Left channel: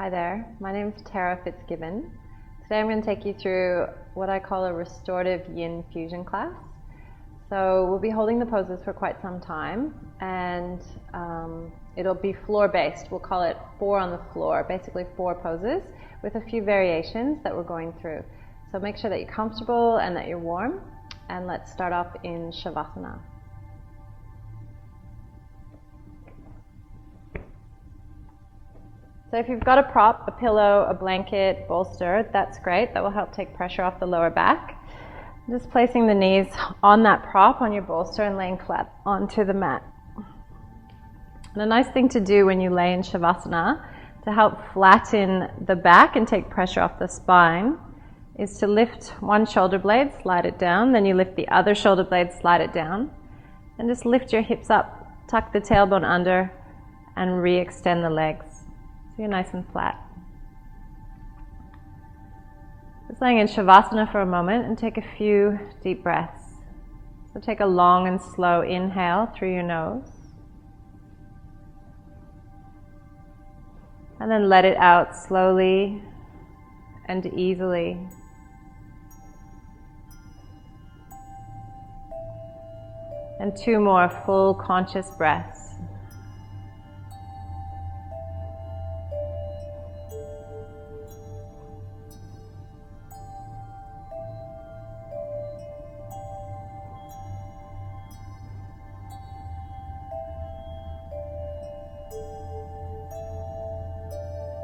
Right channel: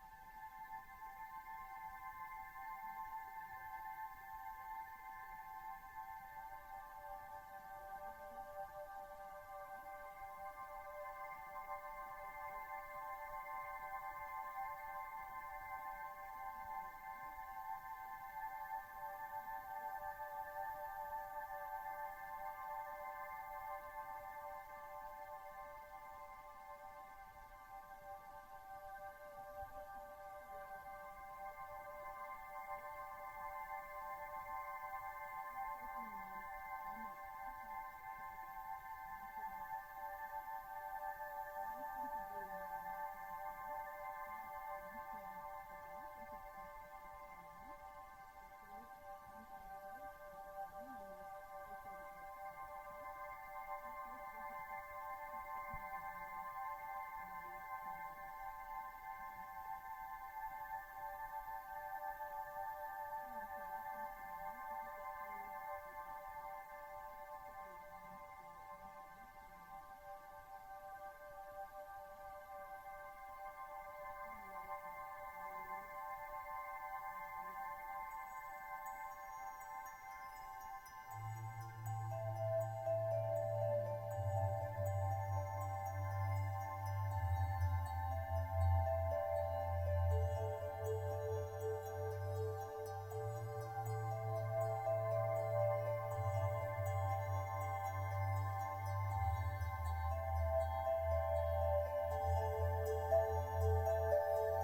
Hi there, my name is Tara Fitzgibbon. Today I'm going to take you through what I call a restorative yin fusion class. So we'll be holding the poses for quite some time, and it'll be floor based. We'll call it 4 on the floor, basically 4 poses with a few variations that we're going through. So make sure that you're comfortable and that you're warm, and let's start off in Shavasana. So if you've got a prop, a pillow, a blanket, bolster, that's great. That will help take pressure off the lower back. Just placing the knees on that prop, on your bolster, and laying flat onto the mat. And a nice thing to do when you lay in Shavasana to help flatten the back and take pressure off the spine is to lift one shoulder blade, slide it down, then you lift the other shoulder blade, slide it down, and just lift your hips up, tuck the tailbone under, and re-extend the legs. So you're nice and flat. Just laying in Shavasana for a moment and take a few deep breaths. So take a long and slow inhale through your nose. And then let it out slowly and easily. And 2 more full conscious breaths.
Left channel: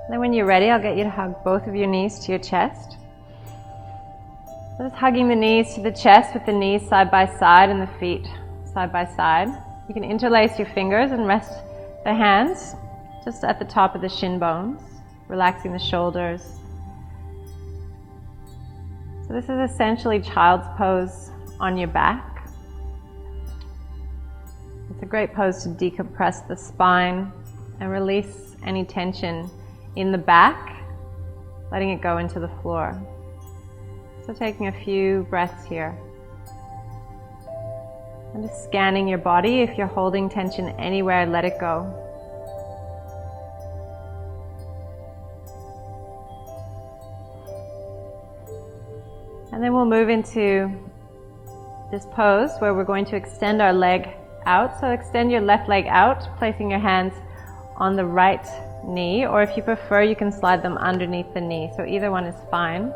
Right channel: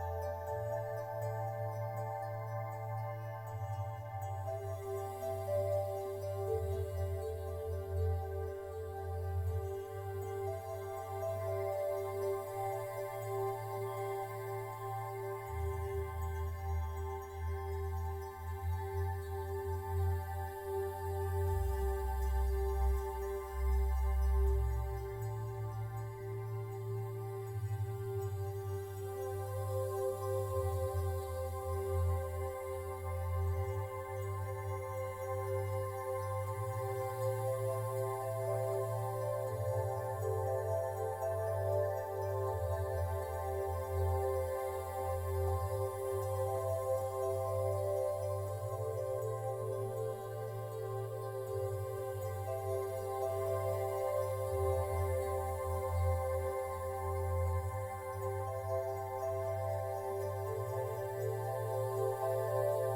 Then when you're ready, I'll get you to hug both of your knees to your chest. Just hugging the knees to the chest with the knees side by side and the feet side by side. You can interlace your fingers and rest the hands just at the top of the shin bones, relaxing the shoulders. So this is essentially child's pose on your back. It's a great pose to decompress the spine and release any tension in the back, letting it go into the floor. So taking a few breaths here. And just scanning your body. If you're holding tension anywhere, let it go. And then we'll move into this pose where we're going to extend our leg out. So extend your left leg out, placing your hands on the right knee, or if you prefer, you can slide them underneath the knee. So either one is fine.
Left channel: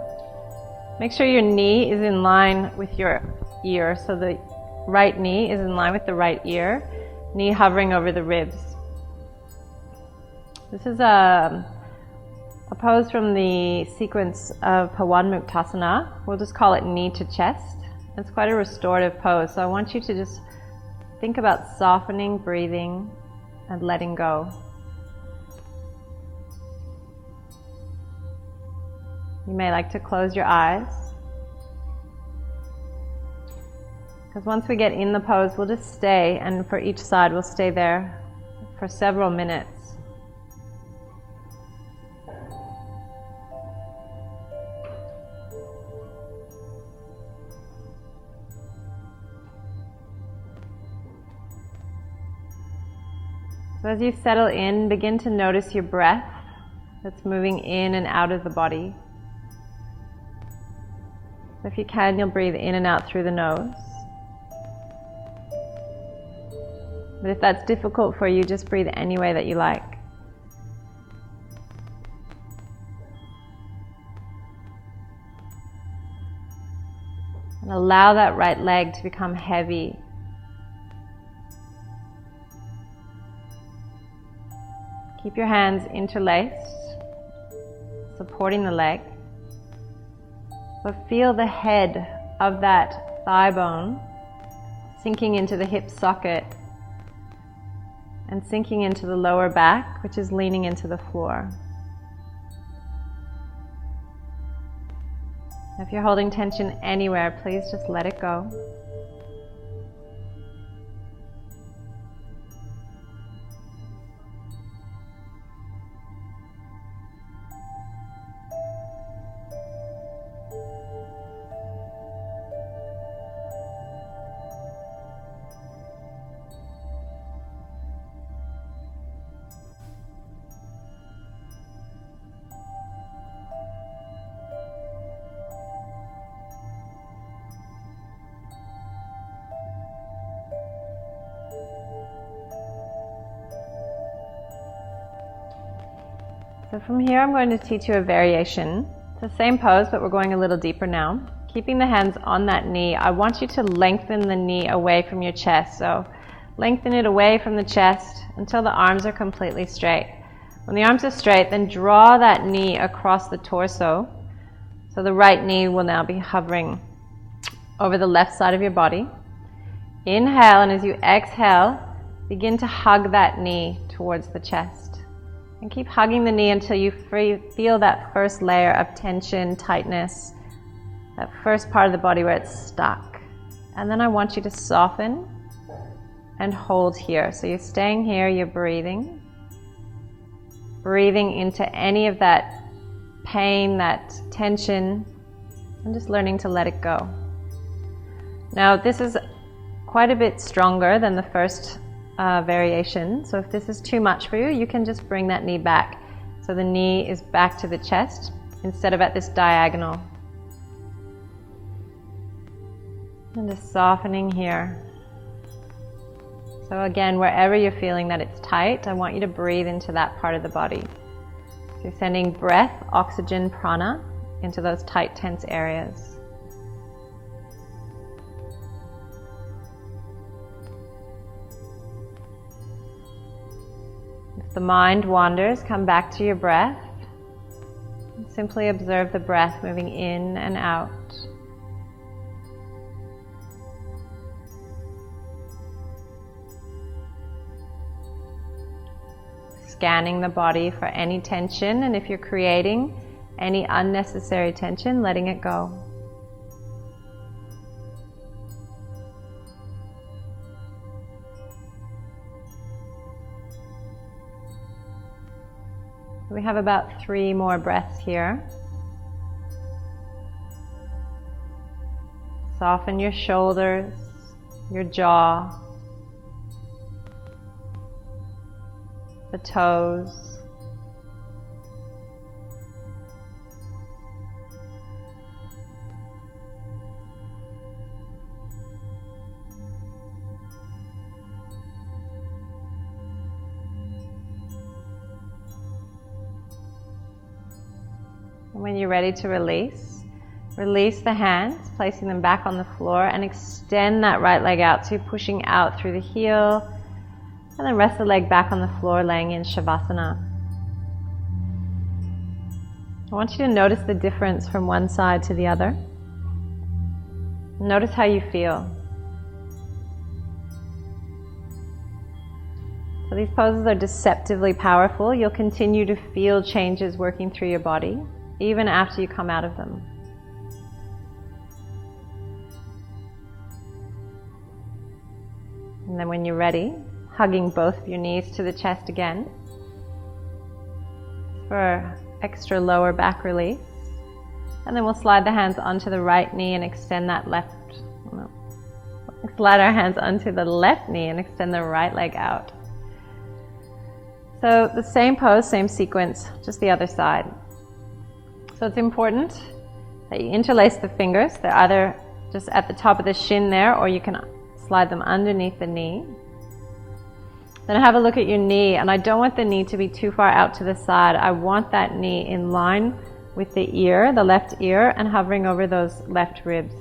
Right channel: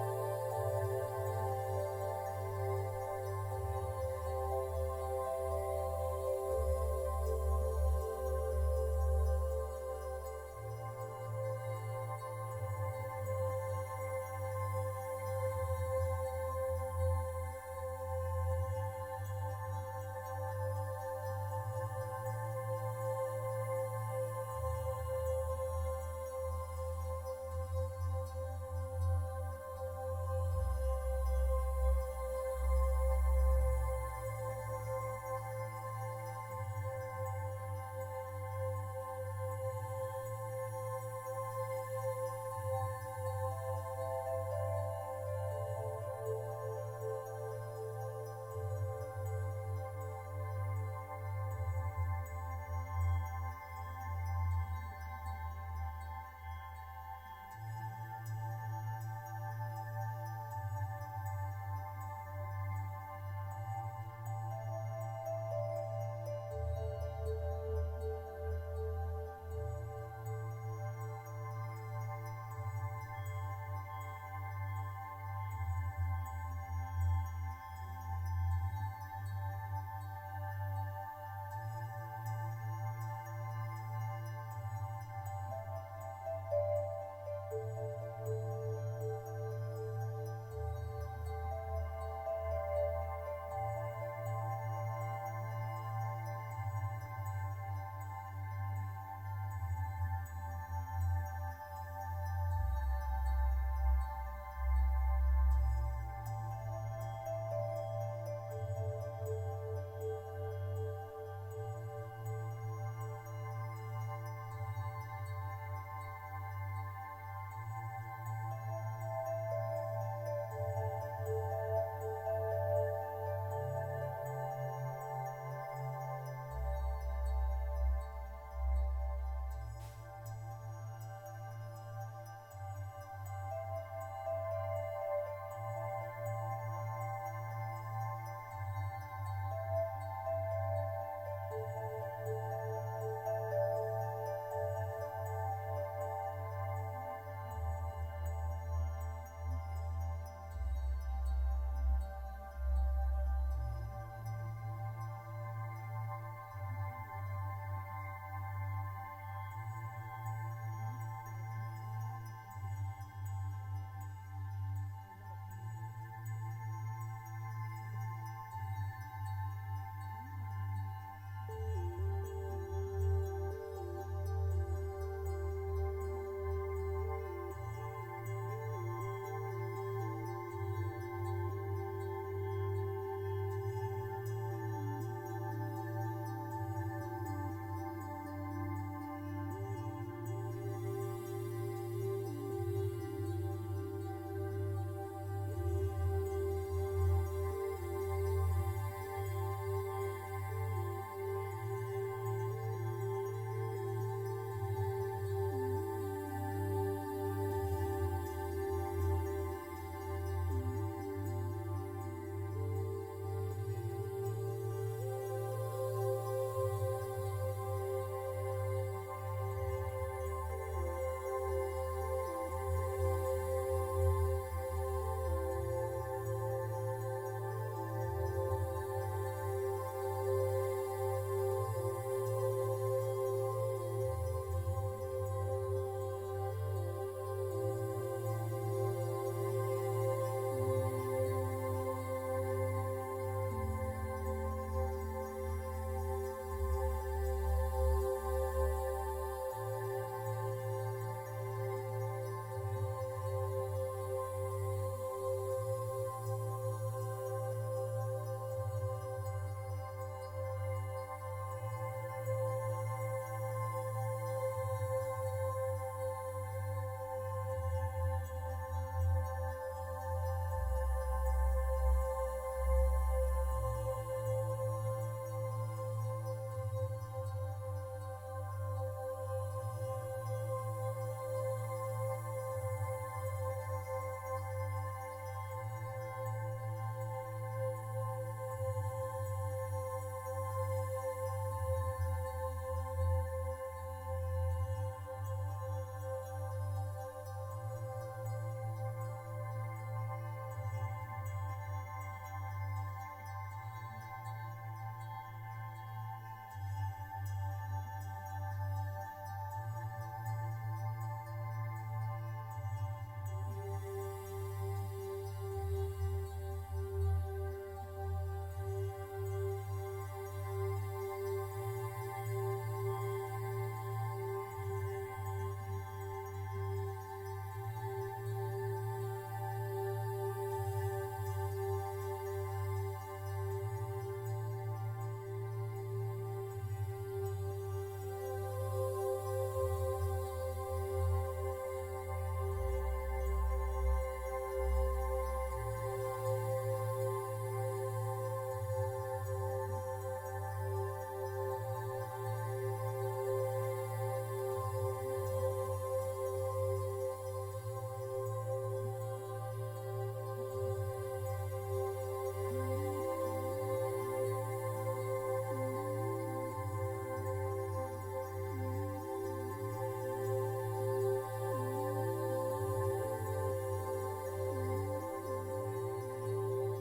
Make sure your knee is in line with your ear. So the right knee is in line with the right ear, knee hovering over the ribs. This is a pose from the sequence of Pawanmuktasana. We'll just call it knee to chest. It's quite a restorative pose. So I want you to just think about softening, breathing, and letting go. You may like to close your eyes, because once we get in the pose, we'll just stay, and for each side, we'll stay there for several minutes. So as you settle in, begin to notice your breath that's moving in and out of the body. So if you can, you'll breathe in and out through the nose. But if that's difficult for you, just breathe any way that you like. And allow that right leg to become heavy. Keep your hands interlaced, supporting the leg. But feel the head of that thigh bone sinking into the hip socket and sinking into the lower back, which is leaning into the floor. If you're holding tension anywhere, please just let it go. So from here I'm going to teach you a variation. It's the same pose, but we're going a little deeper now. Keeping the hands on that knee, I want you to lengthen the knee away from your chest. So lengthen it away from the chest until the arms are completely straight. When the arms are straight, then draw that knee across the torso. So the right knee will now be hovering over the left side of your body. Inhale, and as you exhale, begin to hug that knee towards the chest. And keep hugging the knee until you feel that first layer of tension, tightness, that first part of the body where it's stuck. And then I want you to soften and hold here. So you're staying here, you're breathing into any of that pain, that tension, and just learning to let it go. Now this is quite a bit stronger than the first variation, so if this is too much for you, you can just bring that knee back. So the knee is back to the chest instead of at this diagonal. And just softening here. So again, wherever you're feeling that it's tight, I want you to breathe into that part of the body. So you're sending breath, oxygen, prana into those tight, tense areas. If the mind wanders, come back to your breath. And simply observe the breath moving in and out. Scanning the body for any tension, and if you're creating any unnecessary tension, letting it go. We have about 3 more breaths here. Soften your shoulders, your jaw, the toes. And when you're ready to release the hands, placing them back on the floor, and extend that right leg out, so you're pushing out through the heel. And then rest the leg back on the floor, laying in Shavasana. I want you to notice the difference from one side to the other. Notice how you feel. So these poses are deceptively powerful. You'll continue to feel changes working through your body, even after you come out of them. And then when you're ready, hugging both of your knees to the chest again for extra lower back release. And then we'll slide the hands onto the right knee and extend that slide our hands onto the left knee and extend the right leg out. So the same pose, same sequence, just the other side. So it's important that you interlace the fingers. They're either just at the top of the shin there, or you can slide them underneath the knee. Then have a look at your knee, and I don't want the knee to be too far out to the side. I want that knee in line with the ear, the left ear, and hovering over those left ribs.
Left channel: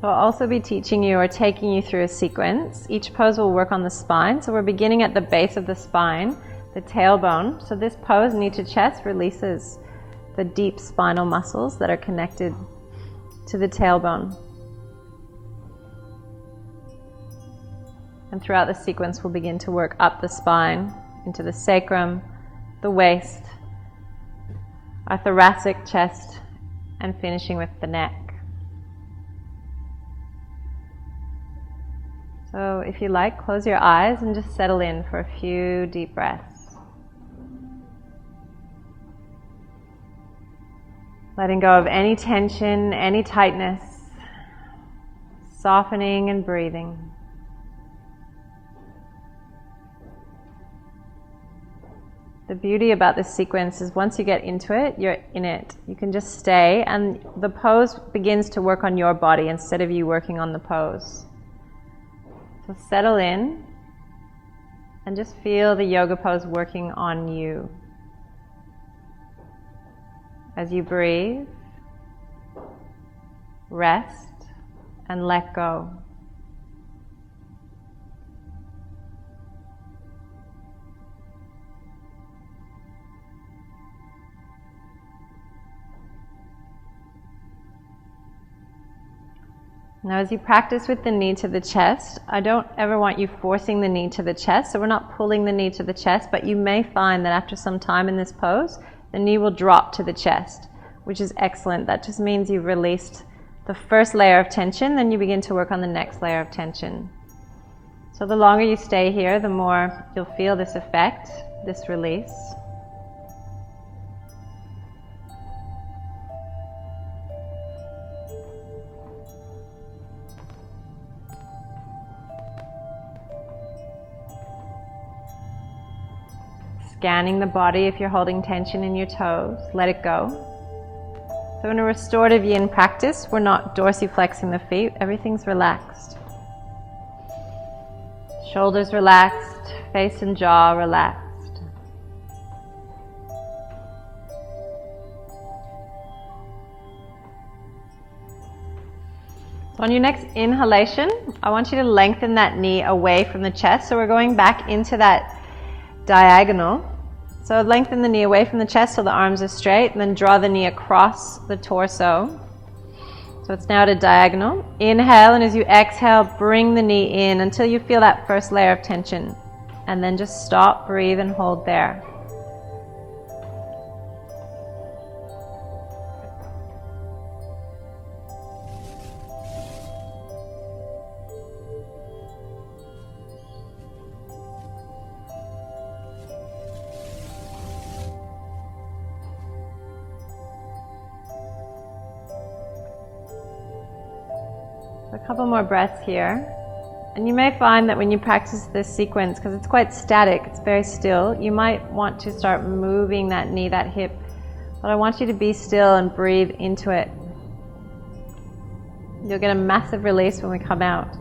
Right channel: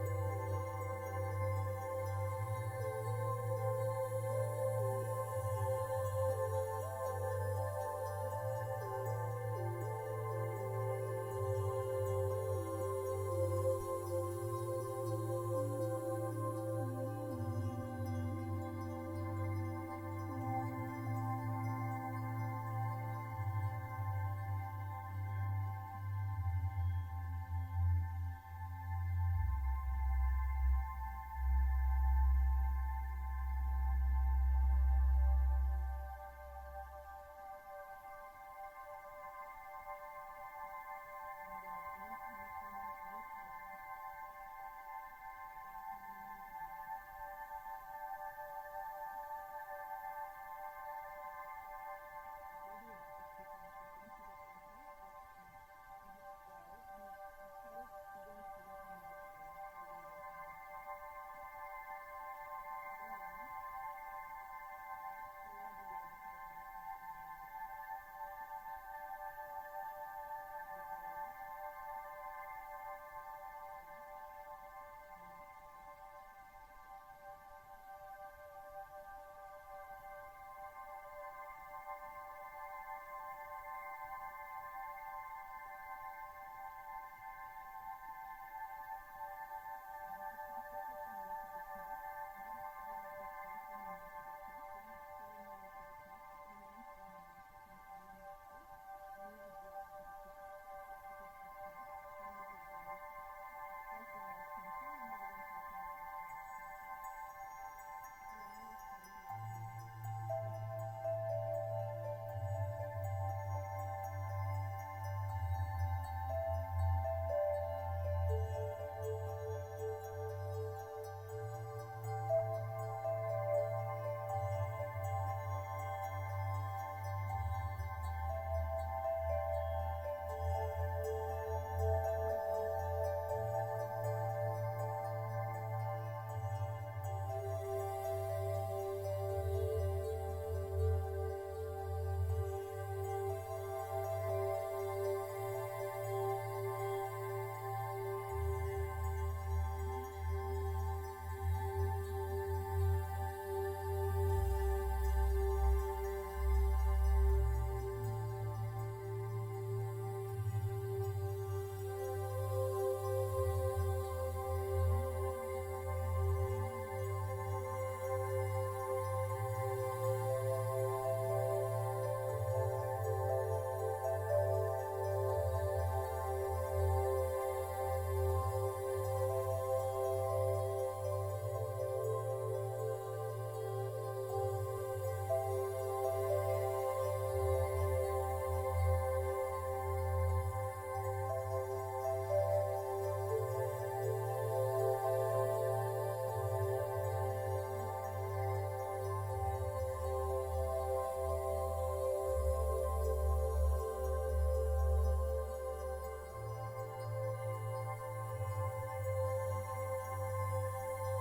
So I'll also be teaching you or taking you through a sequence. Each pose will work on the spine. So we're beginning at the base of the spine, the tailbone. So this pose, knee to chest, releases the deep spinal muscles that are connected to the tailbone. And throughout the sequence, we'll begin to work up the spine, into the sacrum, the waist, our thoracic chest, and finishing with the neck. So if you like, close your eyes and just settle in for a few deep breaths. Letting go of any tension, any tightness, softening and breathing. The beauty about this sequence is once you get into it, you're in it. You can just stay, and the pose begins to work on your body instead of you working on the pose. So settle in and just feel the yoga pose working on you. As you breathe, rest, and let go. Now as you practice with the knee to the chest, I don't ever want you forcing the knee to the chest, so we're not pulling the knee to the chest, but you may find that after some time in this pose, the knee will drop to the chest, which is excellent. That just means you've released the first layer of tension, then you begin to work on the next layer of tension. So the longer you stay here, the more you'll feel this effect, this release. Scanning the body if you're holding tension in your toes, let it go. So in a restorative yin practice, we're not dorsiflexing the feet, everything's relaxed. Shoulders relaxed, face and jaw relaxed. So on your next inhalation, I want you to lengthen that knee away from the chest. So we're going back into that diagonal. So lengthen the knee away from the chest so the arms are straight, and then draw the knee across the torso. So it's now at a diagonal. Inhale, and as you exhale, bring the knee in until you feel that first layer of tension. And then just stop, breathe, and hold there. A couple more breaths here. And you may find that when you practice this sequence, because it's quite static, it's very still, you might want to start moving that knee, that hip. But I want you to be still and breathe into it. You'll get a massive release when we come out.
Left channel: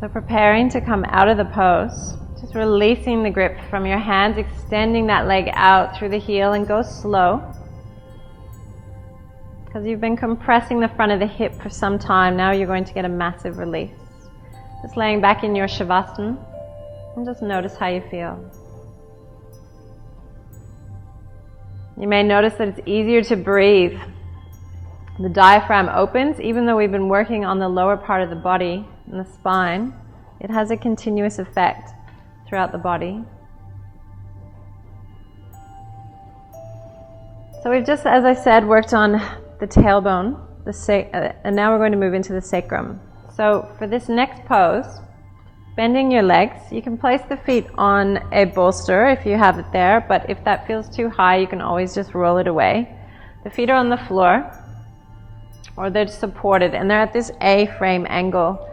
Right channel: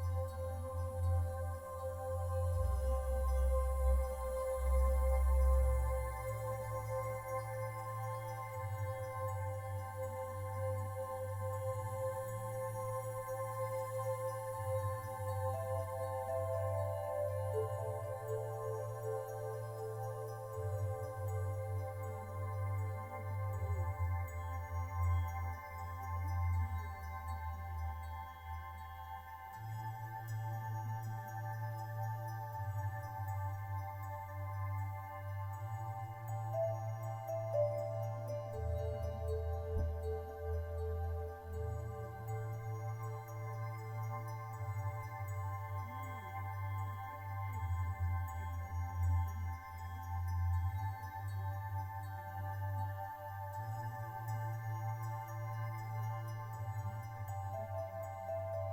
So preparing to come out of the pose, just releasing the grip from your hands, extending that leg out through the heel, and go slow. Because you've been compressing the front of the hip for some time, now you're going to get a massive release. Just laying back in your shavasana, and just notice how you feel. You may notice that it's easier to breathe. The diaphragm opens, even though we've been working on the lower part of the body and the spine. It has a continuous effect throughout the body. So we've just, as I said, worked on the tailbone, and now we're going to move into the sacrum. So for this next pose, bending your legs, you can place the feet on a bolster if you have it there, but if that feels too high, you can always just roll it away. The feet are on the floor, or they're supported, and they're at this A-frame angle.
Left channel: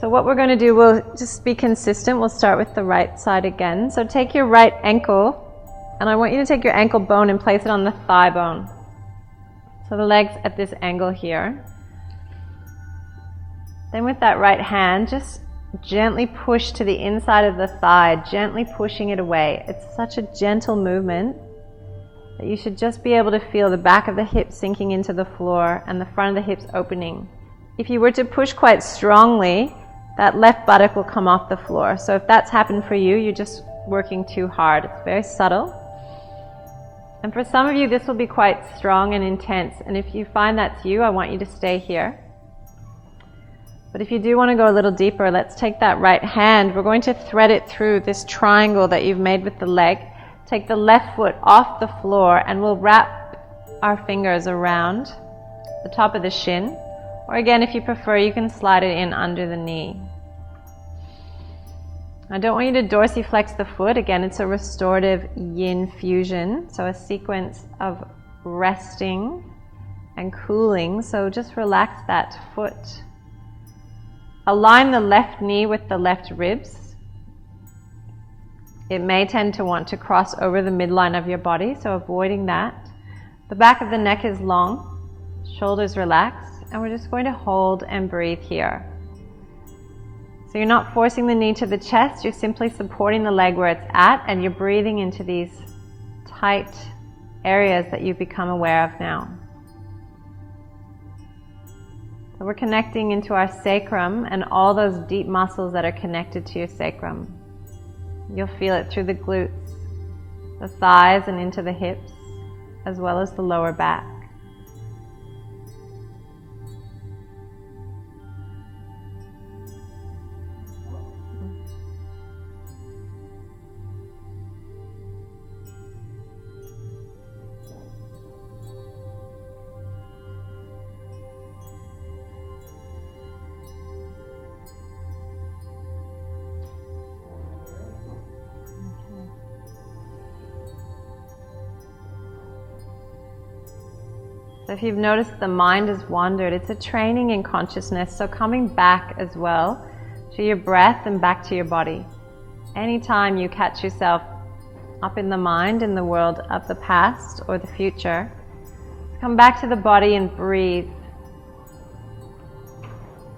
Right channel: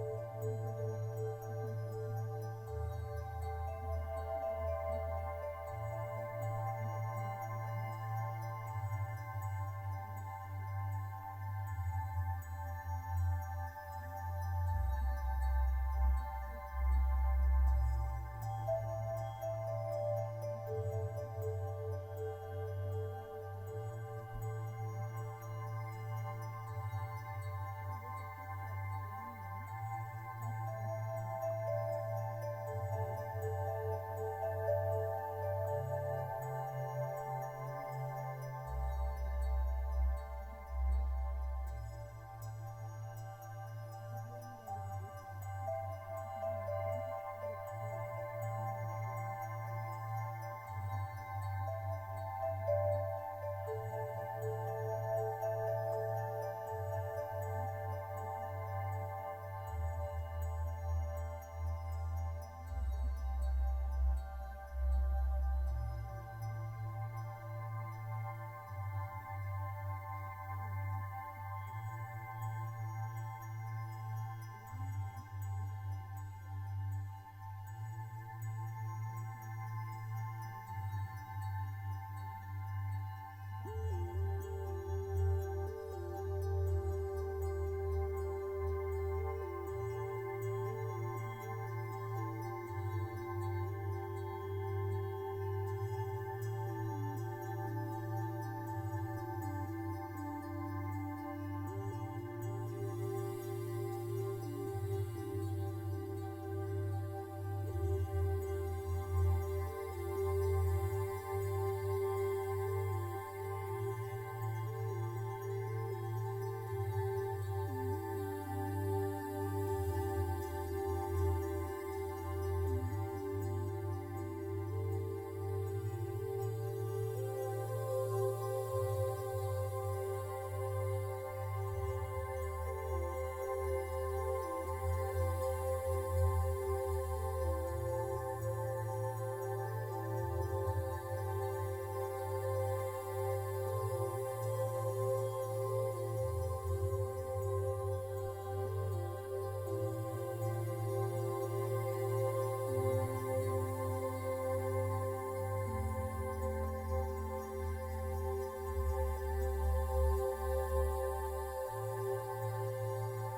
So what we're going to do, we'll just be consistent. We'll start with the right side again. So take your right ankle, and I want you to take your ankle bone and place it on the thigh bone. So the leg's at this angle here. Then with that right hand, just gently push to the inside of the thigh, gently pushing it away. It's such a gentle movement that you should just be able to feel the back of the hips sinking into the floor and the front of the hips opening. If you were to push quite strongly, that left buttock will come off the floor. So if that's happened for you, you're just working too hard. It's very subtle. And for some of you, this will be quite strong and intense. And if you find that's you, I want you to stay here. But if you do want to go a little deeper, let's take that right hand. We're going to thread it through this triangle that you've made with the leg. Take the left foot off the floor, and we'll wrap our fingers around the top of the shin. Or again, if you prefer, you can slide it in under the knee. I don't want you to dorsiflex the foot. Again, it's a restorative yin fusion, so a sequence of resting and cooling. So just relax that foot. Align the left knee with the left ribs. It may tend to want to cross over the midline of your body, so avoiding that. The back of the neck is long, shoulders relaxed, and we're just going to hold and breathe here. So you're not forcing the knee to the chest, you're simply supporting the leg where it's at, and you're breathing into these tight areas that you've become aware of now. So we're connecting into our sacrum and all those deep muscles that are connected to your sacrum. You'll feel it through the glutes, the thighs, and into the hips, as well as the lower back. So if you've noticed the mind has wandered, it's a training in consciousness, so coming back as well to your breath and back to your body. Anytime you catch yourself up in the mind, in the world of the past or the future, come back to the body and breathe.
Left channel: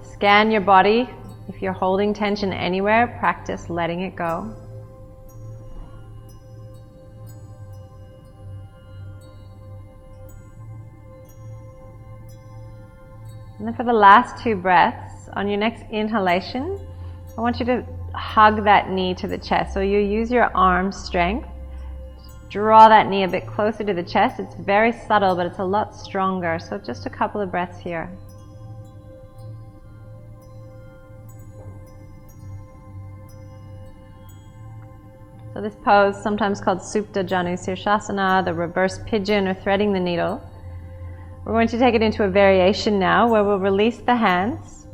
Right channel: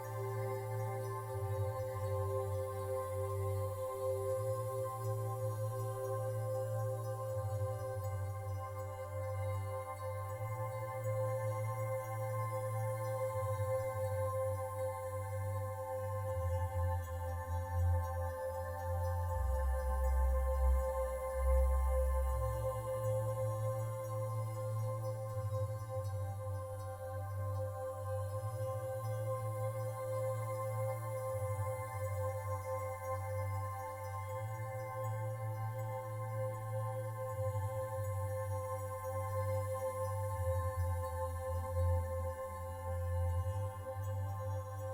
Scan your body. If you're holding tension anywhere, practice letting it go. And then for the last 2 breaths, on your next inhalation, I want you to hug that knee to the chest. So you use your arm strength, draw that knee a bit closer to the chest. It's very subtle, but it's a lot stronger. So just a couple of breaths here. So this pose, sometimes called Supta Janu Sirsasana, the reverse pigeon, or threading the needle. We're going to take it into a variation now where we'll release the hands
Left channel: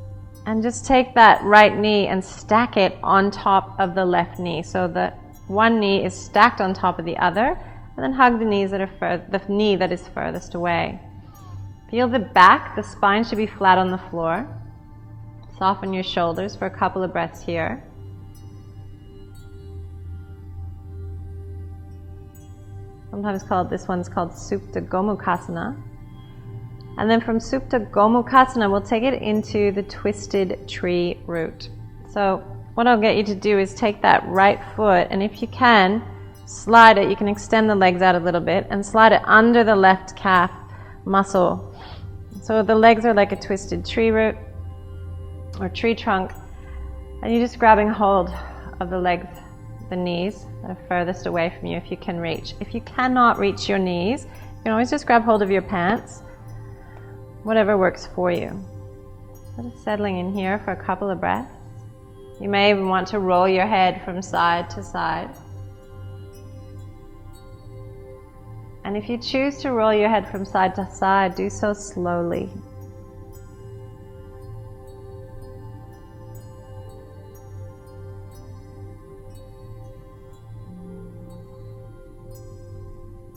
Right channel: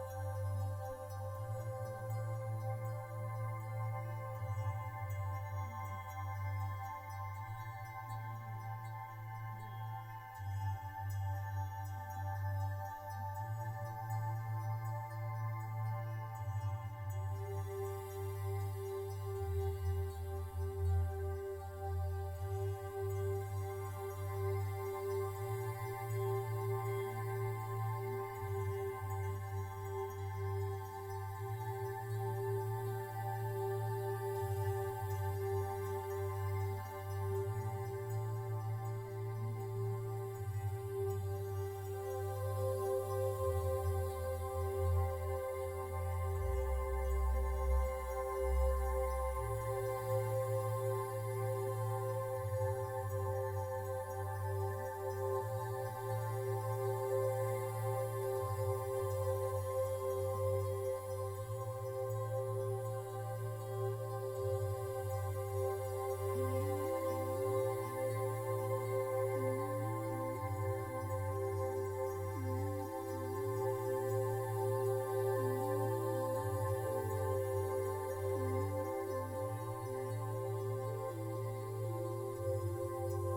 and just take that right knee and stack it on top of the left knee. So the one knee is stacked on top of the other, and then hug the knees that are the knee that is furthest away. Feel the back, the spine should be flat on the floor. Soften your shoulders for a couple of breaths here. Sometimes this one's called Supta Gomukhasana. And then from Supta Gomukhasana, we'll take it into the twisted tree root. So what I'll get you to do is take that right foot, and if you can, slide it. You can extend the legs out a little bit and slide it under the left calf muscle. So the legs are like a twisted tree root or tree trunk, and you're just grabbing hold of the legs, the knees that are furthest away from you if you can reach. If you cannot reach your knees, you can always just grab hold of your pants. Whatever works for you. Just settling in here for a couple of breaths. You may even want to roll your head from side to side. And if you choose to roll your head from side to side, do so slowly.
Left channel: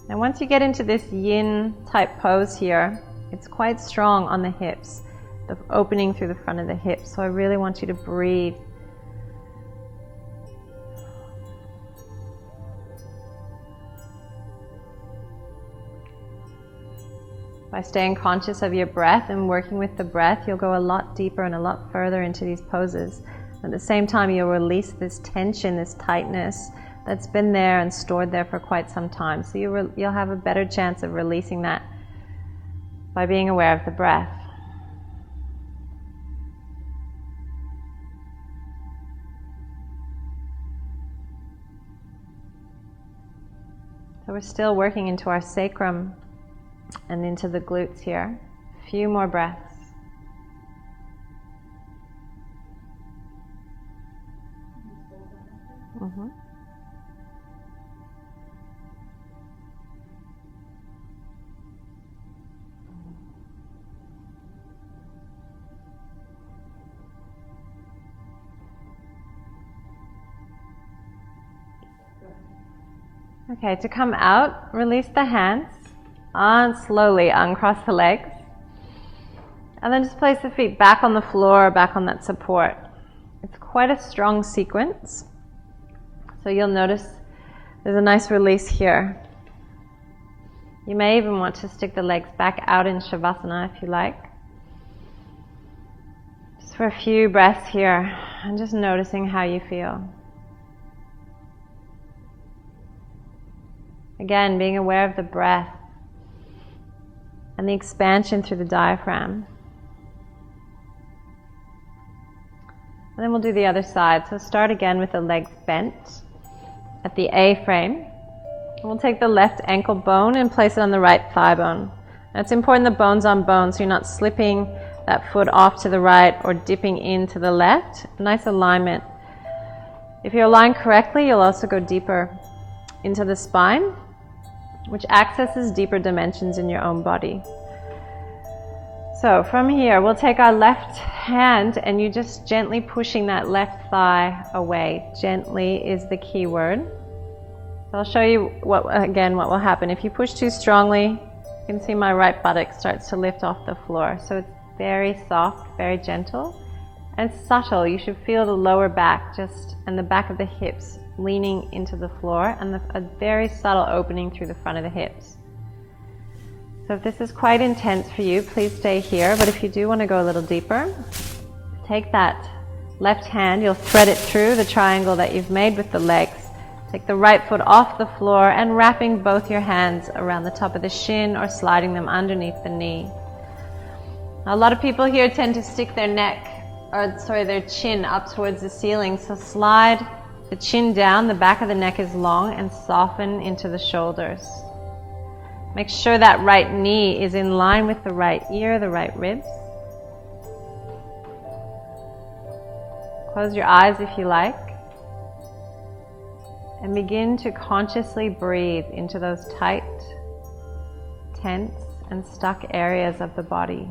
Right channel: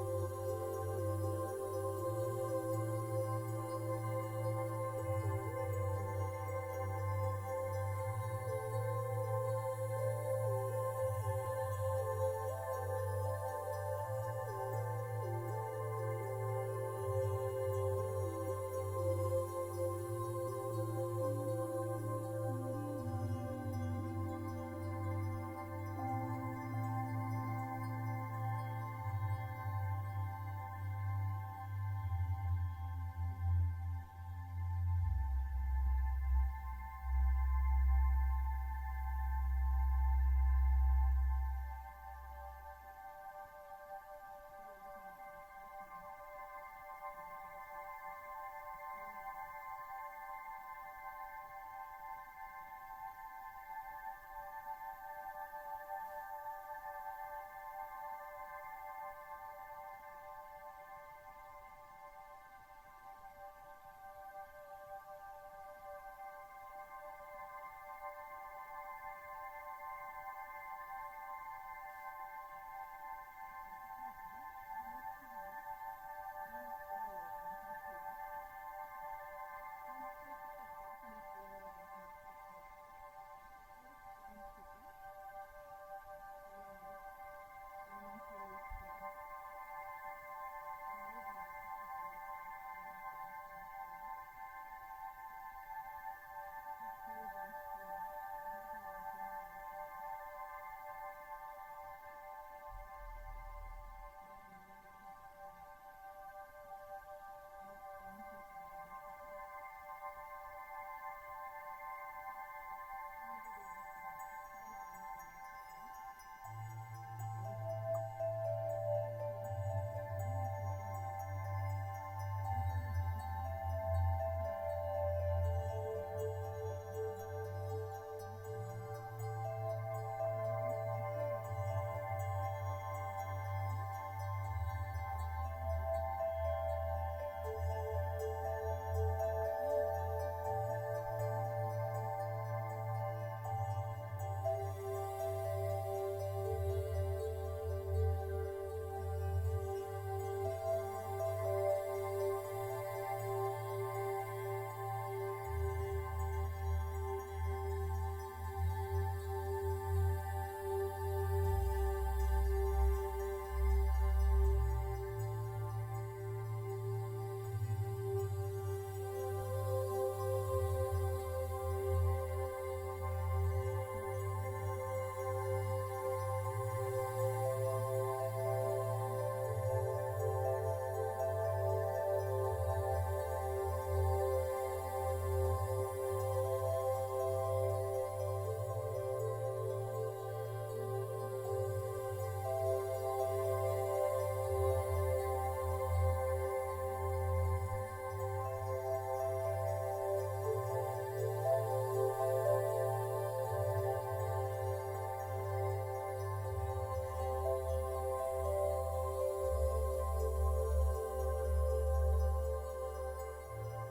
And once you get into this yin type pose here, it's quite strong on the hips, the opening through the front of the hips. So I really want you to breathe. By staying conscious of your breath and working with the breath, you'll go a lot deeper and a lot further into these poses. At the same time, you'll release this tension, this tightness that's been there and stored there for quite some time. So you'll have a better chance of releasing that by being aware of the breath. So we're still working into our sacrum and into the glutes here. A few more breaths. Okay, to come out, release the hands, slowly uncross the legs, and then just place the feet back on the floor, back on that support. It's quite a strong sequence, so So you'll notice there's a nice release here. You may even want to stick the legs back out in Shavasana if you like. Just for a few breaths here, and just noticing how you feel. Again, being aware of the breath and the expansion through the diaphragm. And then we'll do the other side. So start again with the legs bent at the A frame. And we'll take the left ankle bone and place it on the right thigh bone. Now it's important the bone's on bone so you're not slipping that foot off to the right or dipping into the left. Nice alignment. If you're aligned correctly, you'll also go deeper into the spine, which accesses deeper dimensions in your own body. So from here, we'll take our left hand and you just gently pushing that left thigh away. Gently is the key word. So I'll show you what will happen. If you push too strongly, you can see my right buttock starts to lift off the floor. So it's very soft, very gentle, and subtle. You should feel the lower back and the back of the hips leaning into the floor, and a very subtle opening through the front of the hips. So if this is quite intense for you, please stay here. But if you do want to go a little deeper, take that left hand, you'll thread it through the triangle that you've made with the legs. Take the right foot off the floor and wrapping both your hands around the top of the shin or sliding them underneath the knee. Now, a lot of people here tend to stick their their chin up towards the ceiling. So slide the chin down, the back of the neck is long, and soften into the shoulders. Make sure that right knee is in line with the right ear, the right ribs. Close your eyes if you like. And begin to consciously breathe into those tight, tense, and stuck areas of the body.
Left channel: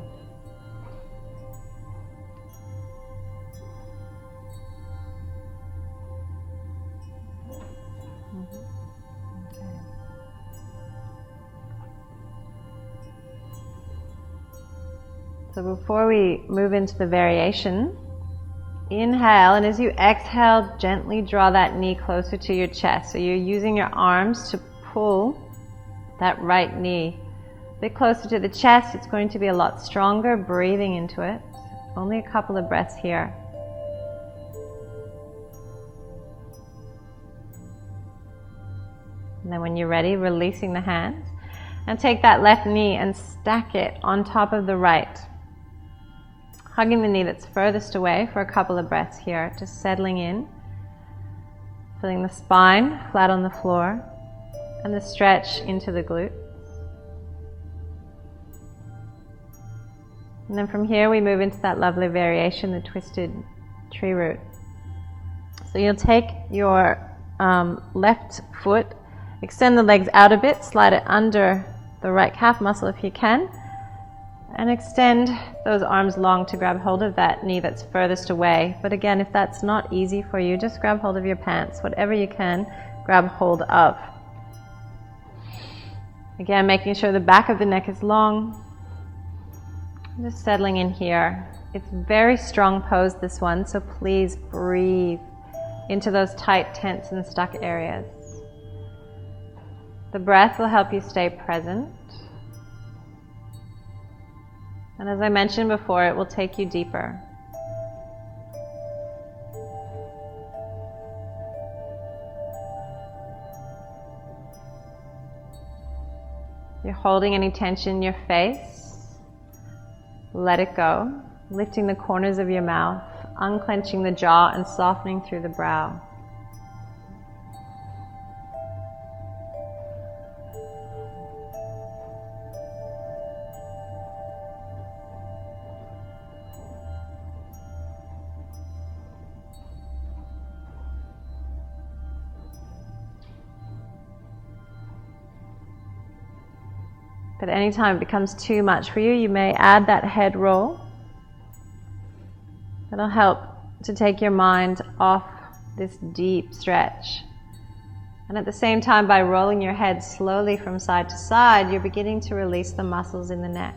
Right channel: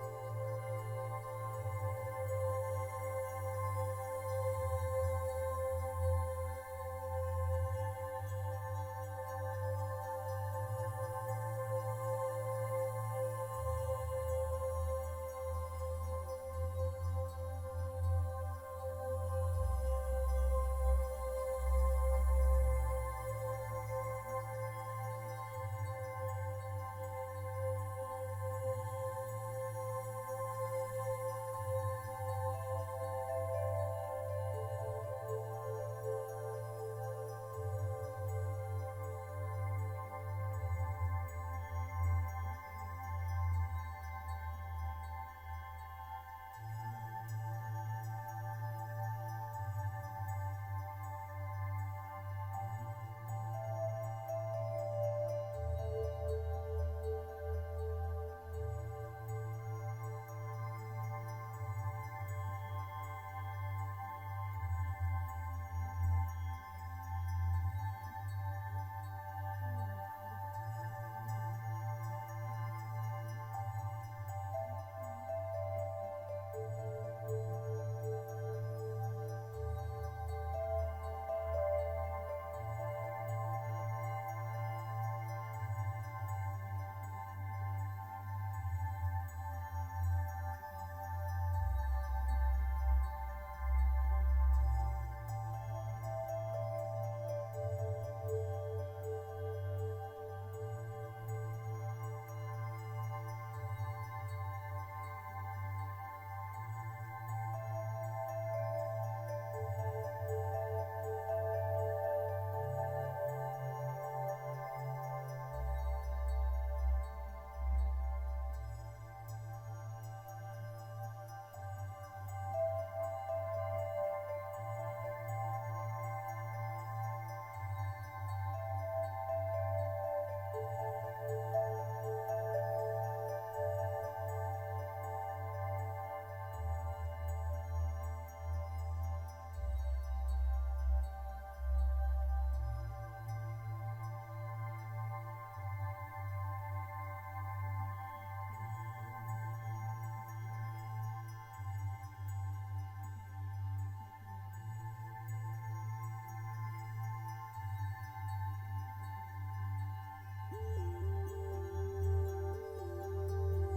So before we move into the variation, inhale, and as you exhale, gently draw that knee closer to your chest. So you're using your arms to pull that right knee a bit closer to the chest. It's going to be a lot stronger, breathing into it. Only a couple of breaths here. And then when you're ready, releasing the hands, and take that left knee and stack it on top of the right. Hugging the knee that's furthest away for a couple of breaths here, just settling in, feeling the spine flat on the floor and the stretch into the glutes. And then from here we move into that lovely variation, the twisted tree root. So you'll take your left foot, extend the legs out a bit, slide it under the right calf muscle if you can, and extend those arms long to grab hold of that knee that's furthest away. But again, if that's not easy for you, just grab hold of your pants, whatever you can grab hold of. Again, making sure the back of the neck is long. Just settling in here. It's a very strong pose, this one, so please breathe into those tight, tense, and stuck areas. The breath will help you stay present. And as I mentioned before, it will take you deeper. If you're holding any tension in your face, let it go, lifting the corners of your mouth, unclenching the jaw and softening through the brow. But anytime it becomes too much for you, you may add that head roll. That'll help to take your mind off this deep stretch. And at the same time, by rolling your head slowly from side to side, you're beginning to release the muscles in the neck.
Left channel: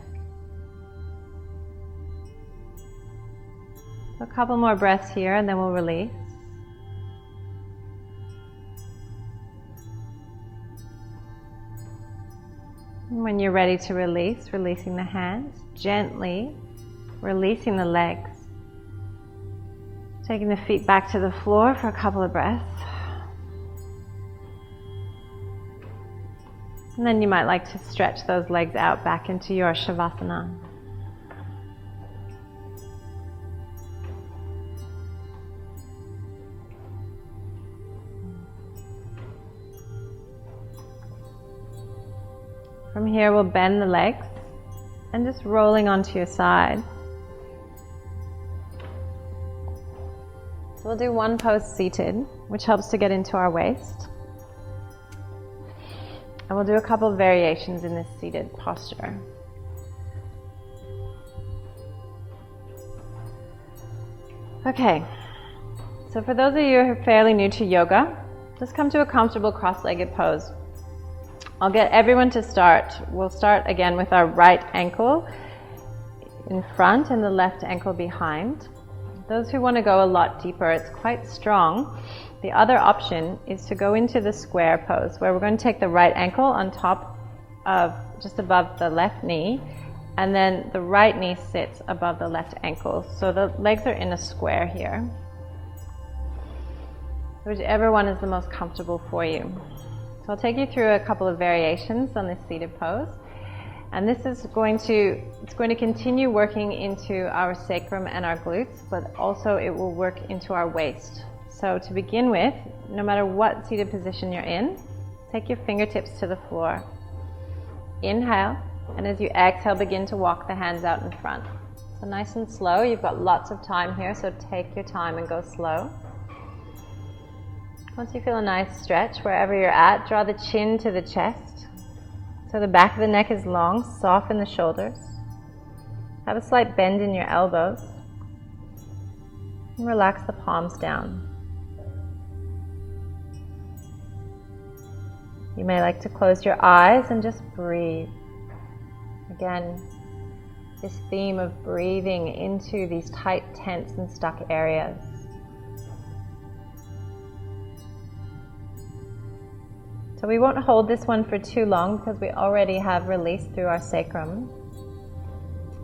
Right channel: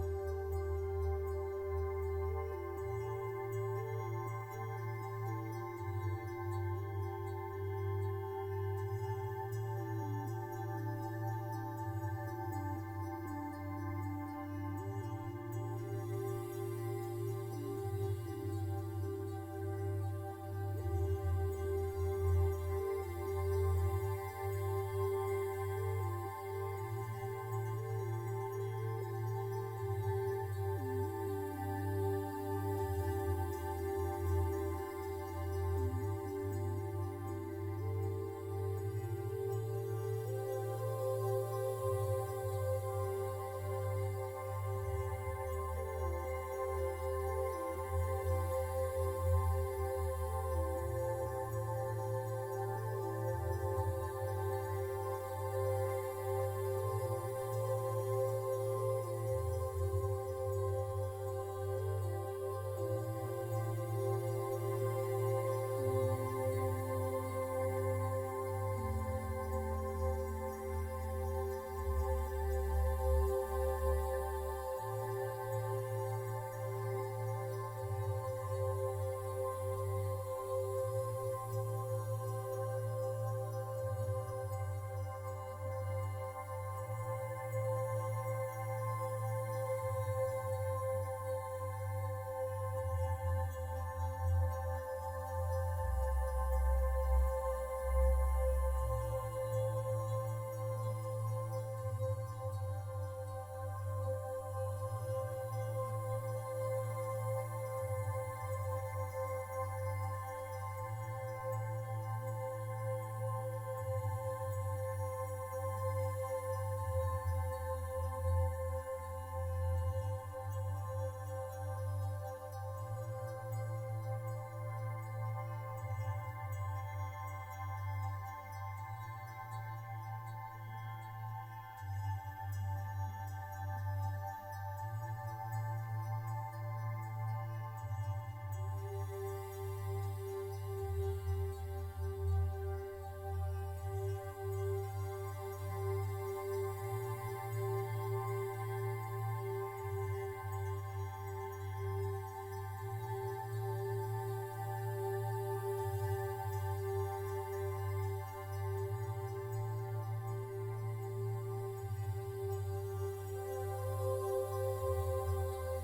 So a couple more breaths here and then we'll release. And when you're ready to release, releasing the hands, gently releasing the legs. Taking the feet back to the floor for a couple of breaths. And then you might like to stretch those legs out back into your Shavasana. From here, we'll bend the legs and just rolling onto your side. So we'll do one pose seated, which helps to get into our waist. And we'll do a couple of variations in this seated posture. Okay, so for those of you who are fairly new to yoga, just come to a comfortable cross-legged pose. I'll get everyone to start. We'll start again with our right ankle in front and the left ankle behind. Those who want to go a lot deeper, it's quite strong. The other option is to go into the square pose, where we're going to take the right ankle on top of, just above the left knee, and then the right knee sits above the left ankle. So the legs are in a square here. Whichever one is the most comfortable for you. So I'll take you through a couple of variations on this seated pose. And this is going to continue working into our sacrum and our glutes, but also it will work into our waist. So to begin with, no matter what seated position you're in, take your fingertips to the floor. Inhale, and as you exhale, begin to walk the hands out in front. So nice and slow. You've got lots of time here, so take your time and go slow. Once you feel a nice stretch wherever you're at, draw the chin to the chest. So the back of the neck is long, soften the shoulders. Have a slight bend in your elbows. And relax the palms down. You may like to close your eyes and just breathe. Again, this theme of breathing into these tight, tense, and stuck areas. So we won't hold this one for too long because we already have release through our sacrum.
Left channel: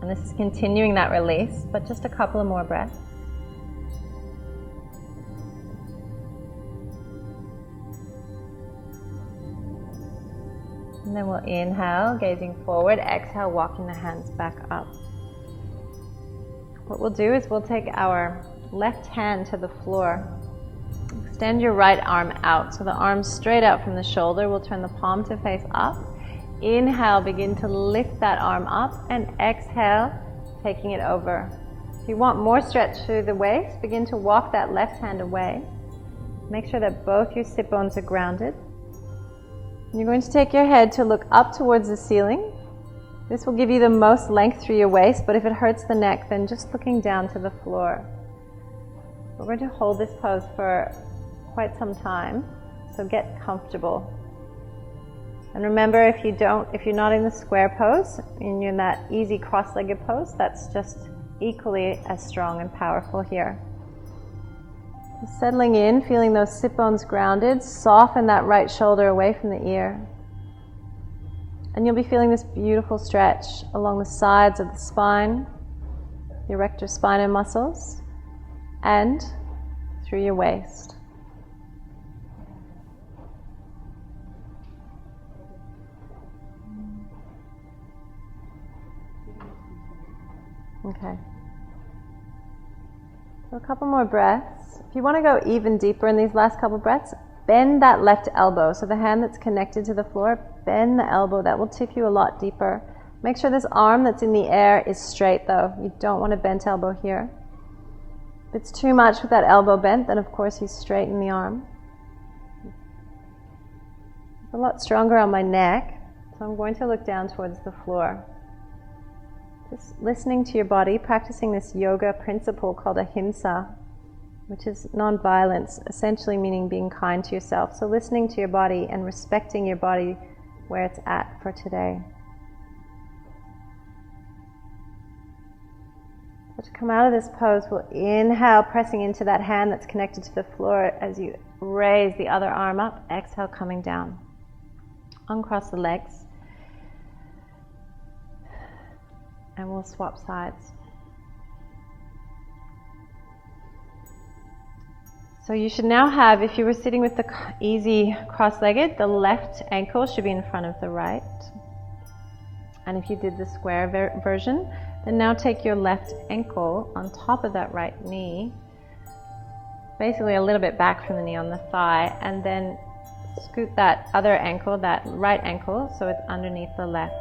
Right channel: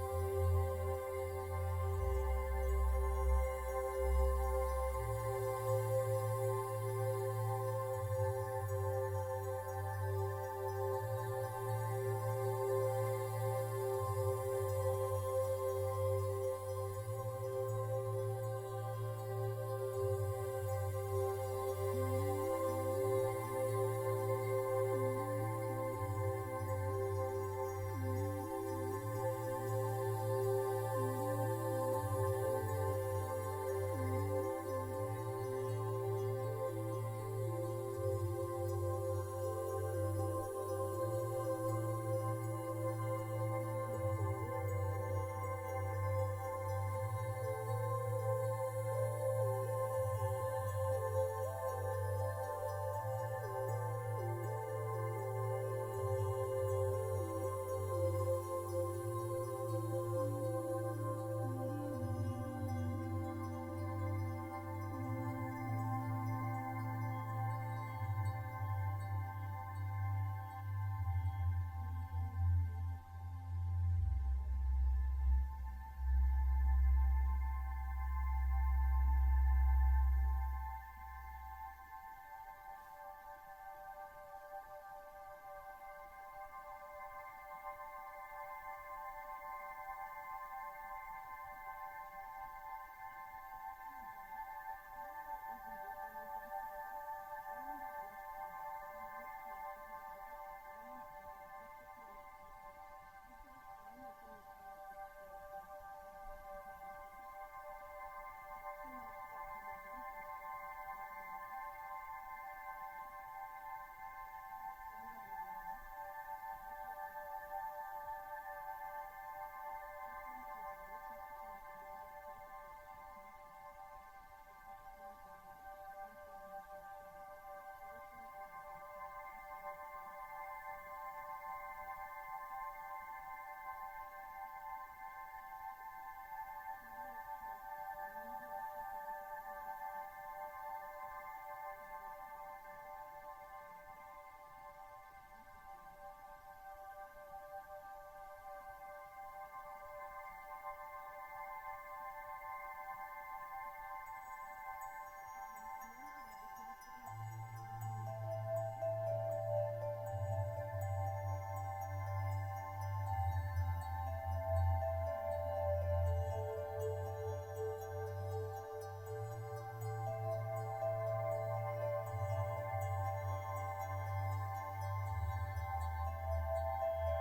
And this is continuing that release, but just a couple of more breaths. And then we'll inhale, gazing forward, exhale, walking the hands back up. What we'll do is we'll take our left hand to the floor. Extend your right arm out, so the arm straight out from the shoulder. We'll turn the palm to face up. Inhale, begin to lift that arm up, and exhale, taking it over. If you want more stretch through the waist, begin to walk that left hand away. Make sure that both your sit bones are grounded. You're going to take your head to look up towards the ceiling. This will give you the most length through your waist, but if it hurts the neck, then just looking down to the floor. We're going to hold this pose for quite some time, so get comfortable. And remember, if you're not in the square pose, and you're in that easy cross-legged pose, that's just equally as strong and powerful here. Settling in, feeling those sit bones grounded, soften that right shoulder away from the ear. And you'll be feeling this beautiful stretch along the sides of the spine, the erector spinae muscles, and through your waist. Okay. So a couple more breaths. If you want to go even deeper in these last couple breaths, bend that left elbow. So the hand that's connected to the floor, bend the elbow. That will tip you a lot deeper. Make sure this arm that's in the air is straight though. You don't want a bent elbow here. If it's too much with that elbow bent, then of course you straighten the arm. It's a lot stronger on my neck, so I'm going to look down towards the floor. Just listening to your body, practicing this yoga principle called ahimsa, which is non-violence, essentially meaning being kind to yourself. So listening to your body and respecting your body where it's at for today. So to come out of this pose, we'll inhale, pressing into that hand that's connected to the floor as you raise the other arm up. Exhale, coming down. Uncross the legs. And we'll swap sides. So you should now have, if you were sitting with the easy cross-legged, the left ankle should be in front of the right. And if you did the square version, then now take your left ankle on top of that right knee, basically a little bit back from the knee on the thigh, and then scoot that other ankle, that right ankle, so it's underneath the left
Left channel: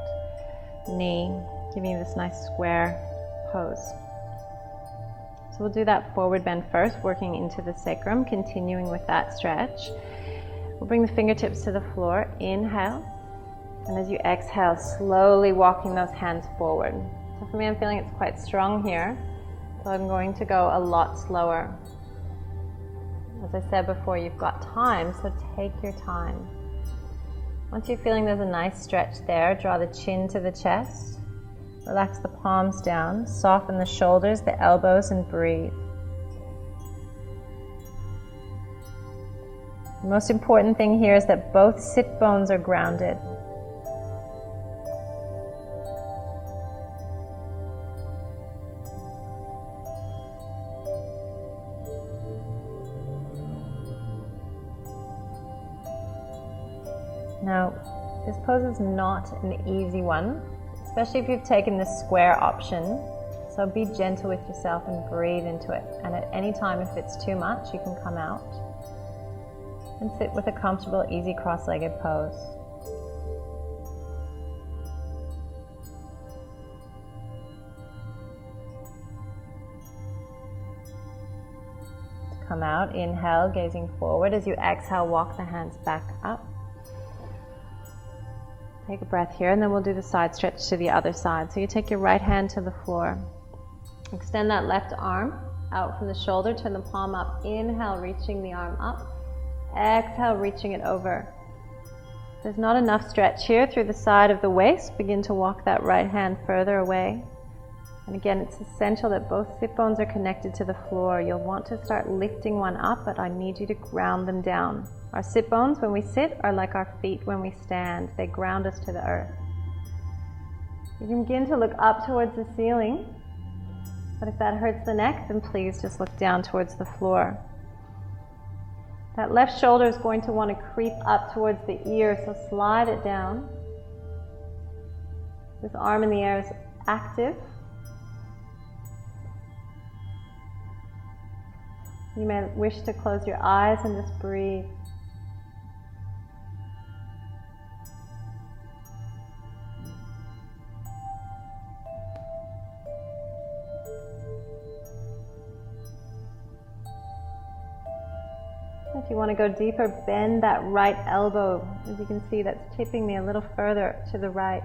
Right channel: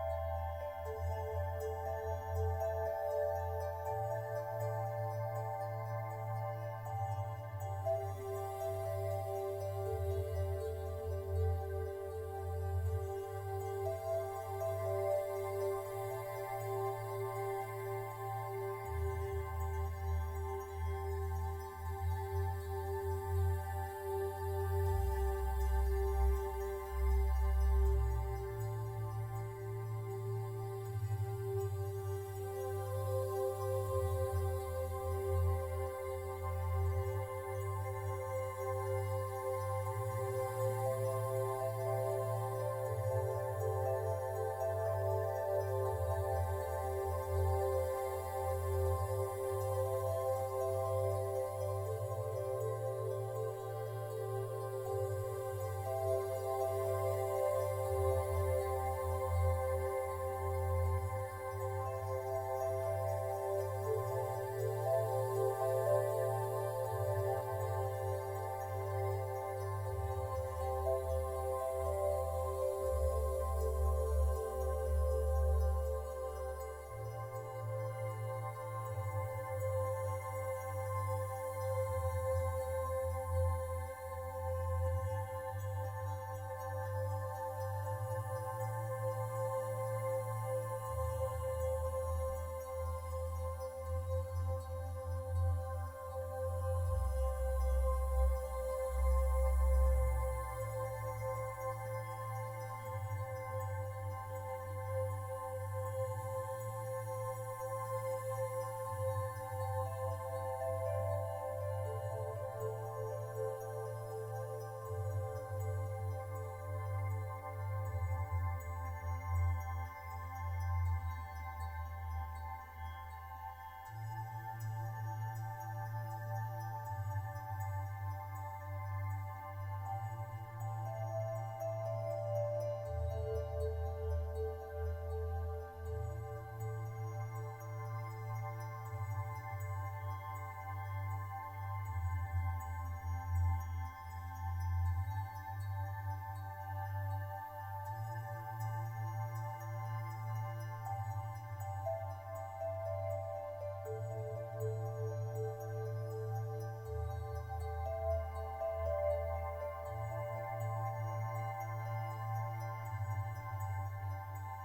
knee, giving you this nice square pose. So we'll do that forward bend first, working into the sacrum, continuing with that stretch. We'll bring the fingertips to the floor, inhale, and as you exhale, slowly walking those hands forward. So for me, I'm feeling it's quite strong here, so I'm going to go a lot slower. As I said before, you've got time, so take your time. Once you're feeling there's a nice stretch there, draw the chin to the chest. Relax the palms down, soften the shoulders, the elbows, and breathe. The most important thing here is that both sit bones are grounded. Now, this pose is not an easy one, especially if you've taken the square option. So be gentle with yourself and breathe into it. And at any time, if it's too much, you can come out and sit with a comfortable, easy cross-legged pose. Come out, inhale, gazing forward. As you exhale, walk the hands back up. Take a breath here, and then we'll do the side stretch to the other side. So you take your right hand to the floor. Extend that left arm out from the shoulder, turn the palm up. Inhale, reaching the arm up. Exhale, reaching it over. If there's not enough stretch here through the side of the waist, begin to walk that right hand further away. And again, it's essential that both sit bones are connected to the floor. You'll want to start lifting one up, but I need you to ground them down. Our sit bones, when we sit, are like our feet when we stand. They ground us to the earth. You can begin to look up towards the ceiling, but if that hurts the neck, then please just look down towards the floor. That left shoulder is going to want to creep up towards the ear, so slide it down. This arm in the air is active. You may wish to close your eyes and just breathe. If you want to go deeper, bend that right elbow. As you can see, that's tipping me a little further to the right.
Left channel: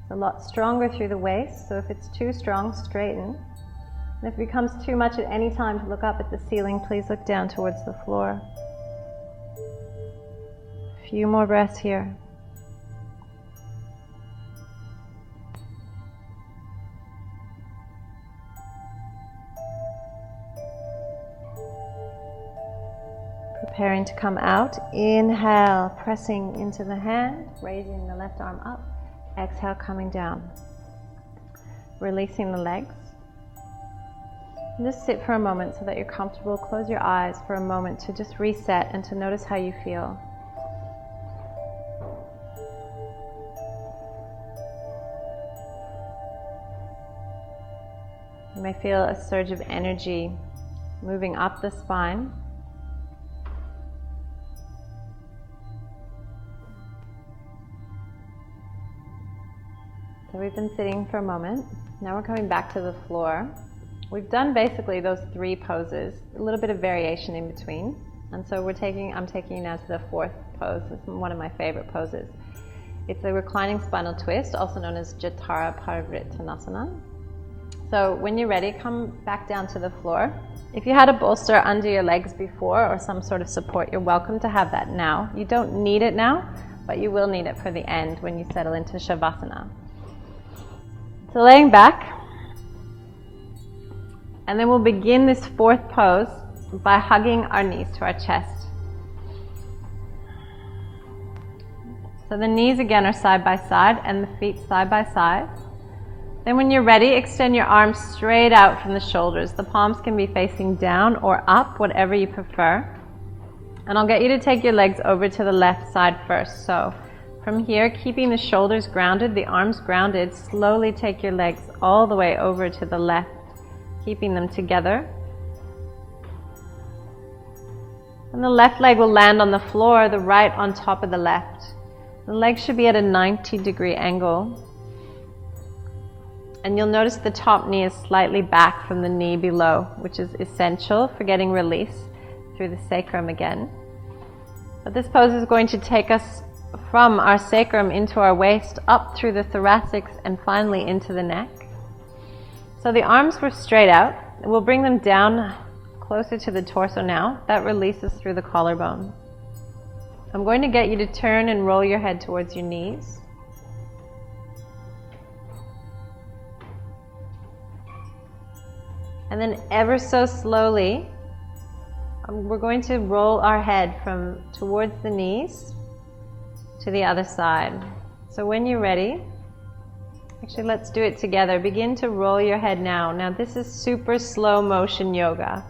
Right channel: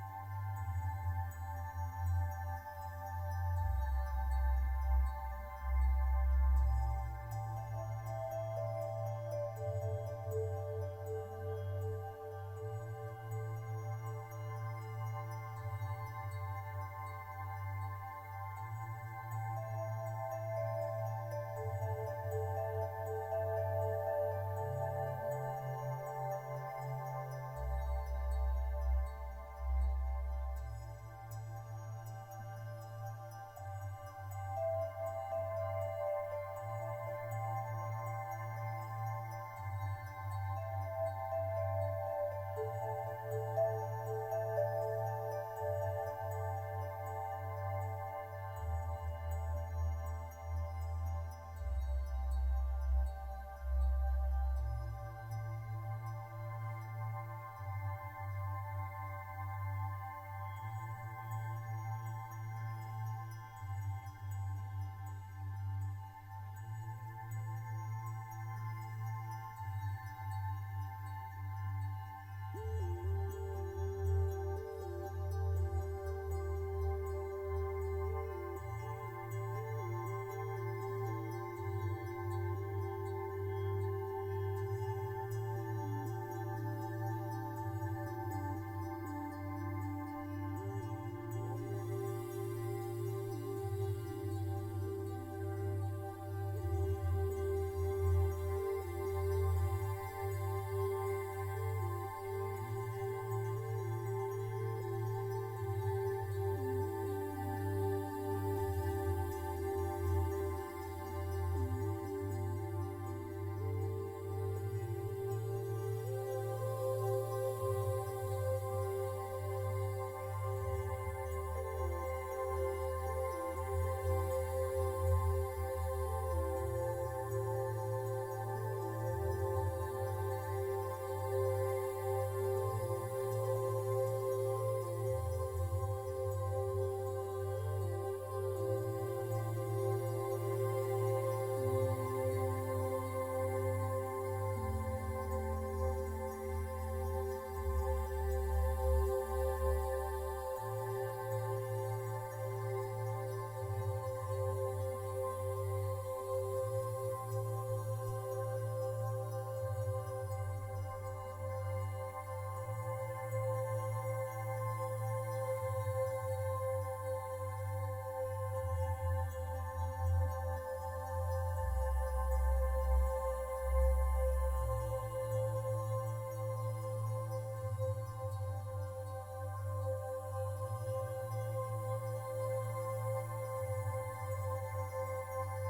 It's a lot stronger through the waist, so if it's too strong, straighten. And if it becomes too much at any time to look up at the ceiling, please look down towards the floor. A few more breaths here. Preparing to come out. Inhale, pressing into the hand, raising the left arm up. Exhale, coming down. Releasing the legs. Just sit for a moment so that you're comfortable. Close your eyes for a moment to just reset and to notice how you feel. You may feel a surge of energy moving up the spine. So we've been sitting for a moment. Now we're coming back to the floor. We've done basically those three poses, a little bit of variation in between. And so I'm taking you now to the fourth pose. It's one of my favorite poses. It's a reclining spinal twist, also known as Jatara Parivritanasana. So when you're ready, come back down to the floor. If you had a bolster under your legs before or some sort of support, you're welcome to have that now. You don't need it now, but you will need it for the end when you settle into Shavasana. So laying back, and then we'll begin this fourth pose by hugging our knees to our chest. So the knees again are side by side and the feet side by side. Then when you're ready, extend your arms straight out from the shoulders. The palms can be facing down or up, whatever you prefer. And I'll get you to take your legs over to the left side first. So from here, keeping the shoulders grounded, the arms grounded, slowly take your legs all the way over to the left, keeping them together. And the left leg will land on the floor, the right on top of the left. The legs should be at a 90-degree angle. And you'll notice the top knee is slightly back from the knee below, which is essential for getting release through the sacrum again. But this pose is going to take us from our sacrum into our waist, up through the thoracics, and finally into the neck. So the arms were straight out. We'll bring them down closer to the torso now. That releases through the collarbone. I'm going to get you to turn and roll your head towards your knees. And then ever so slowly, we're going to roll our head from towards the knees to the other side. So when you're ready, actually let's do it together. Begin to roll your head now. Now this is super slow motion yoga.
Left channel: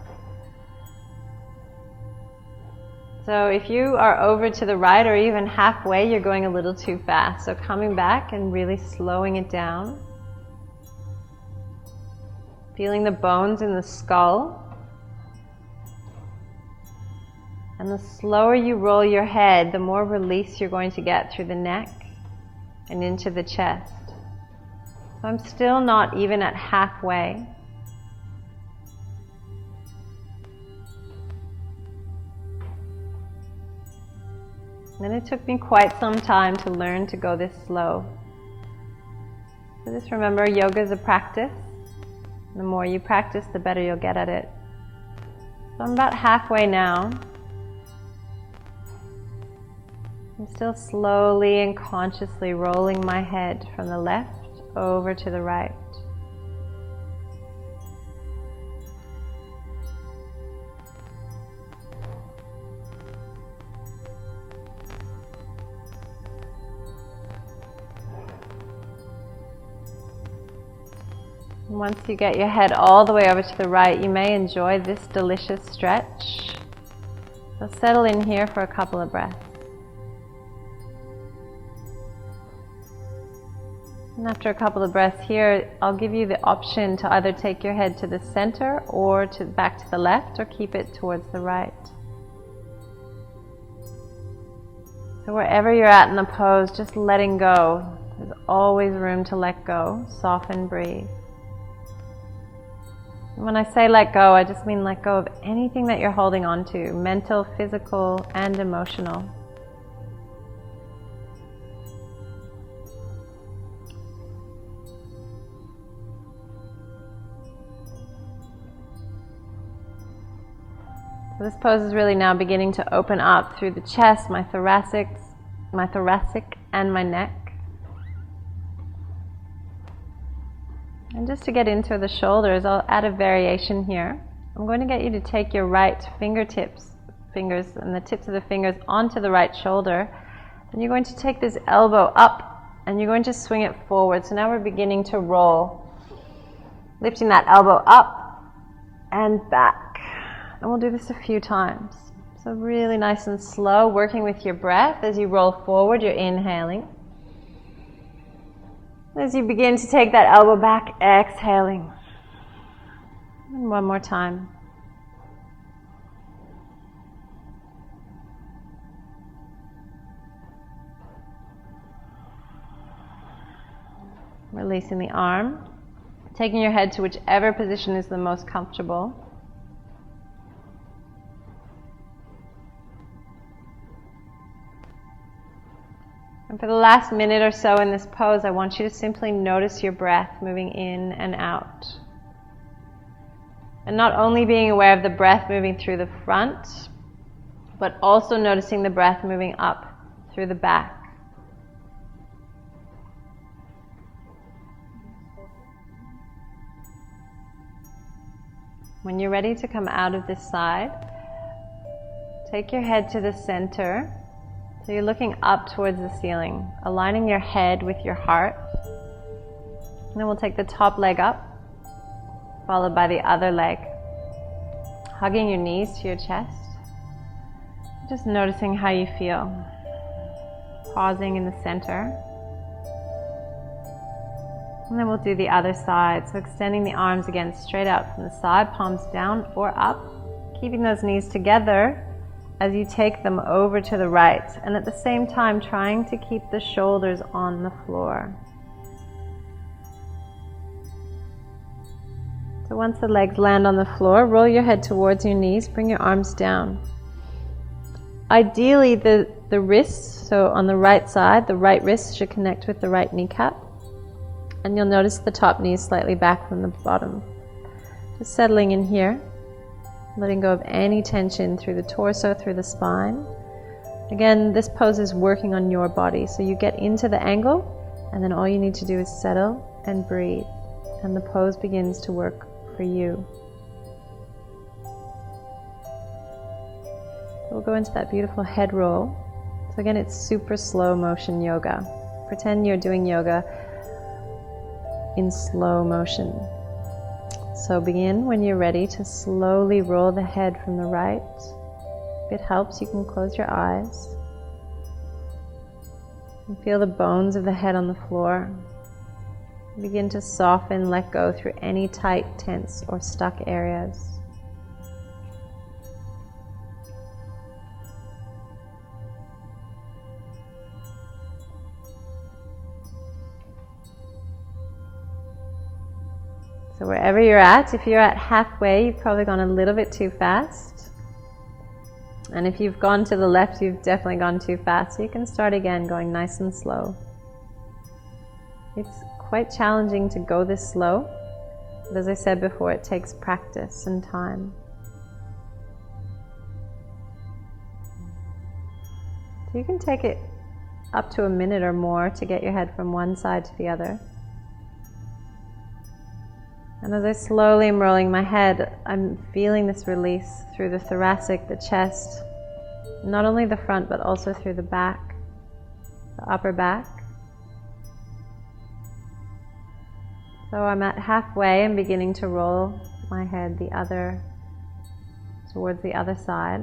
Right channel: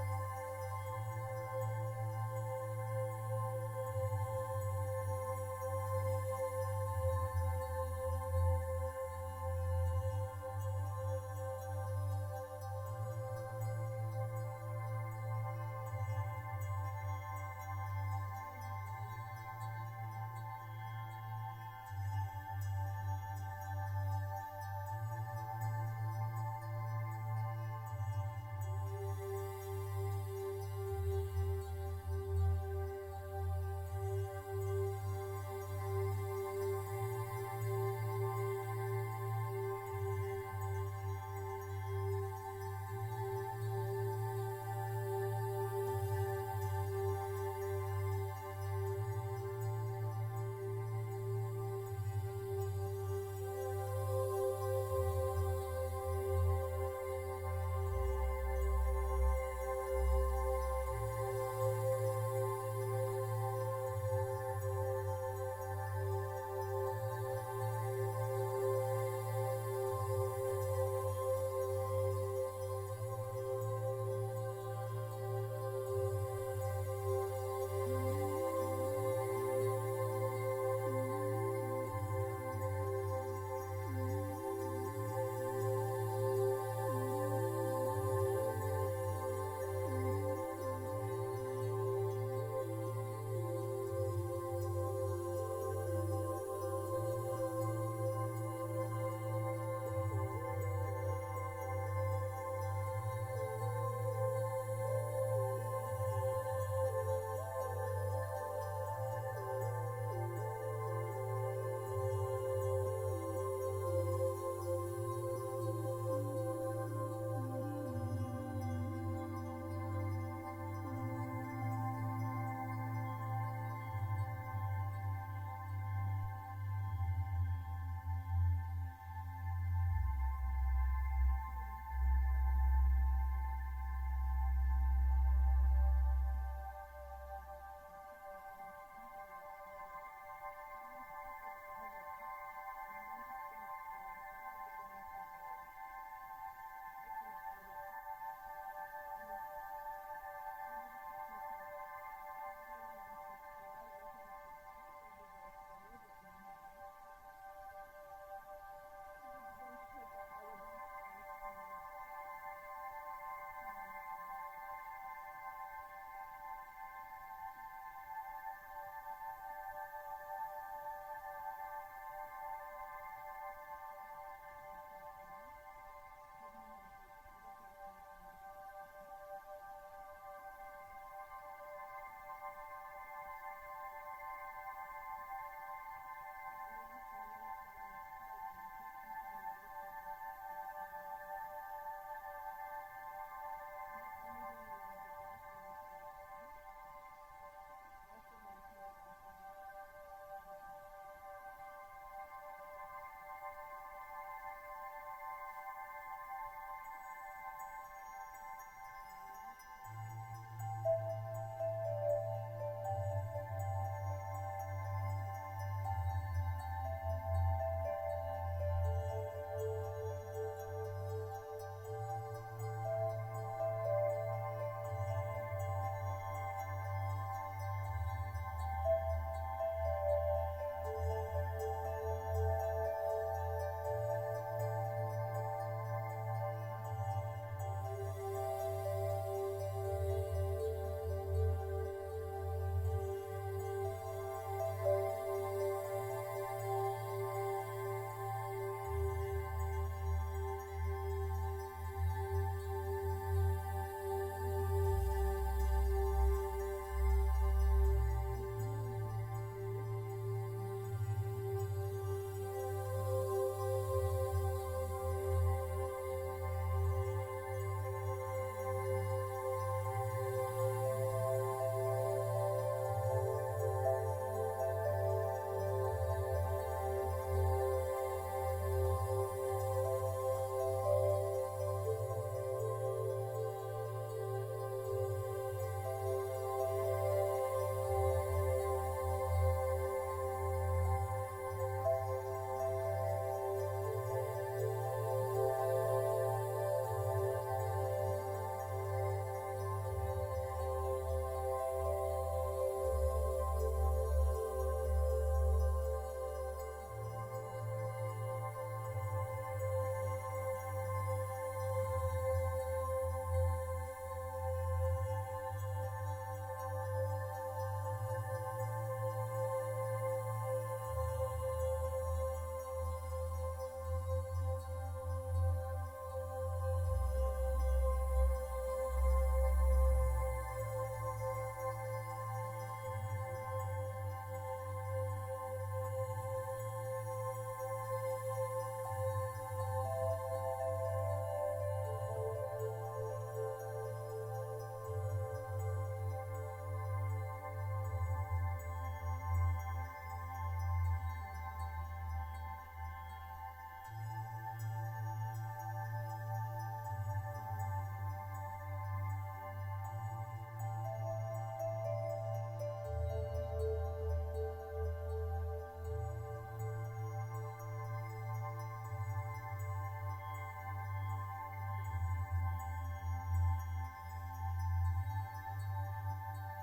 So if you are over to the right or even halfway, you're going a little too fast. So coming back and really slowing it down. Feeling the bones in the skull. And the slower you roll your head, the more release you're going to get through the neck and into the chest. So I'm still not even at halfway. And it took me quite some time to learn to go this slow. So just remember, yoga is a practice. The more you practice, the better you'll get at it. So I'm about halfway now. I'm still slowly and consciously rolling my head from the left over to the right. Once you get your head all the way over to the right, you may enjoy this delicious stretch. So settle in here for a couple of breaths. And after a couple of breaths here, I'll give you the option to either take your head to the center or back to the left, or keep it towards the right. So wherever you're at in the pose, just letting go. There's always room to let go. Soften, breathe. When I say let go, I just mean let go of anything that you're holding on to, mental, physical, and emotional. So this pose is really now beginning to open up through the chest, my thoracic and my neck. And just to get into the shoulders, I'll add a variation here. I'm going to get you to take your right fingers and the tips of the fingers onto the right shoulder. And you're going to take this elbow up and you're going to swing it forward. So now we're beginning to roll. Lifting that elbow up and back. And we'll do this a few times. So really nice and slow, working with your breath. As you roll forward, you're inhaling. As you begin to take that elbow back, exhaling. And one more time. Releasing the arm. Taking your head to whichever position is the most comfortable. And for the last minute or so in this pose, I want you to simply notice your breath moving in and out. And not only being aware of the breath moving through the front, but also noticing the breath moving up through the back. When you're ready to come out of this side, take your head to the center. So you're looking up towards the ceiling, aligning your head with your heart. And then we'll take the top leg up, followed by the other leg. Hugging your knees to your chest. Just noticing how you feel. Pausing in the center. And then we'll do the other side. So extending the arms again straight out from the side, palms down or up. Keeping those knees together as you take them over to the right. And at the same time, trying to keep the shoulders on the floor. So once the legs land on the floor, roll your head towards your knees, bring your arms down. Ideally, the wrists, so on the right side, the right wrist should connect with the right kneecap. And you'll notice the top knee is slightly back from the bottom. Just settling in here, letting go of any tension through the torso, through the spine. Again, this pose is working on your body, so you get into the angle, and then all you need to do is settle and breathe, and the pose begins to work for you. We'll go into that beautiful head roll. So again, it's super slow motion yoga. Pretend you're doing yoga in slow motion. So begin when you're ready to slowly roll the head from the right. If it helps, you can close your eyes. And feel the bones of the head on the floor. Begin to soften, let go through any tight, tense, or stuck areas. So wherever you're at, if you're at halfway, you've probably gone a little bit too fast. And if you've gone to the left, you've definitely gone too fast. So you can start again, going nice and slow. It's quite challenging to go this slow. But as I said before, it takes practice and time. So you can take it up to a minute or more to get your head from one side to the other. And as I slowly am rolling my head, I'm feeling this release through the thoracic, the chest, not only the front, but also through the back, the upper back. So I'm at halfway and beginning to roll my head towards the other side.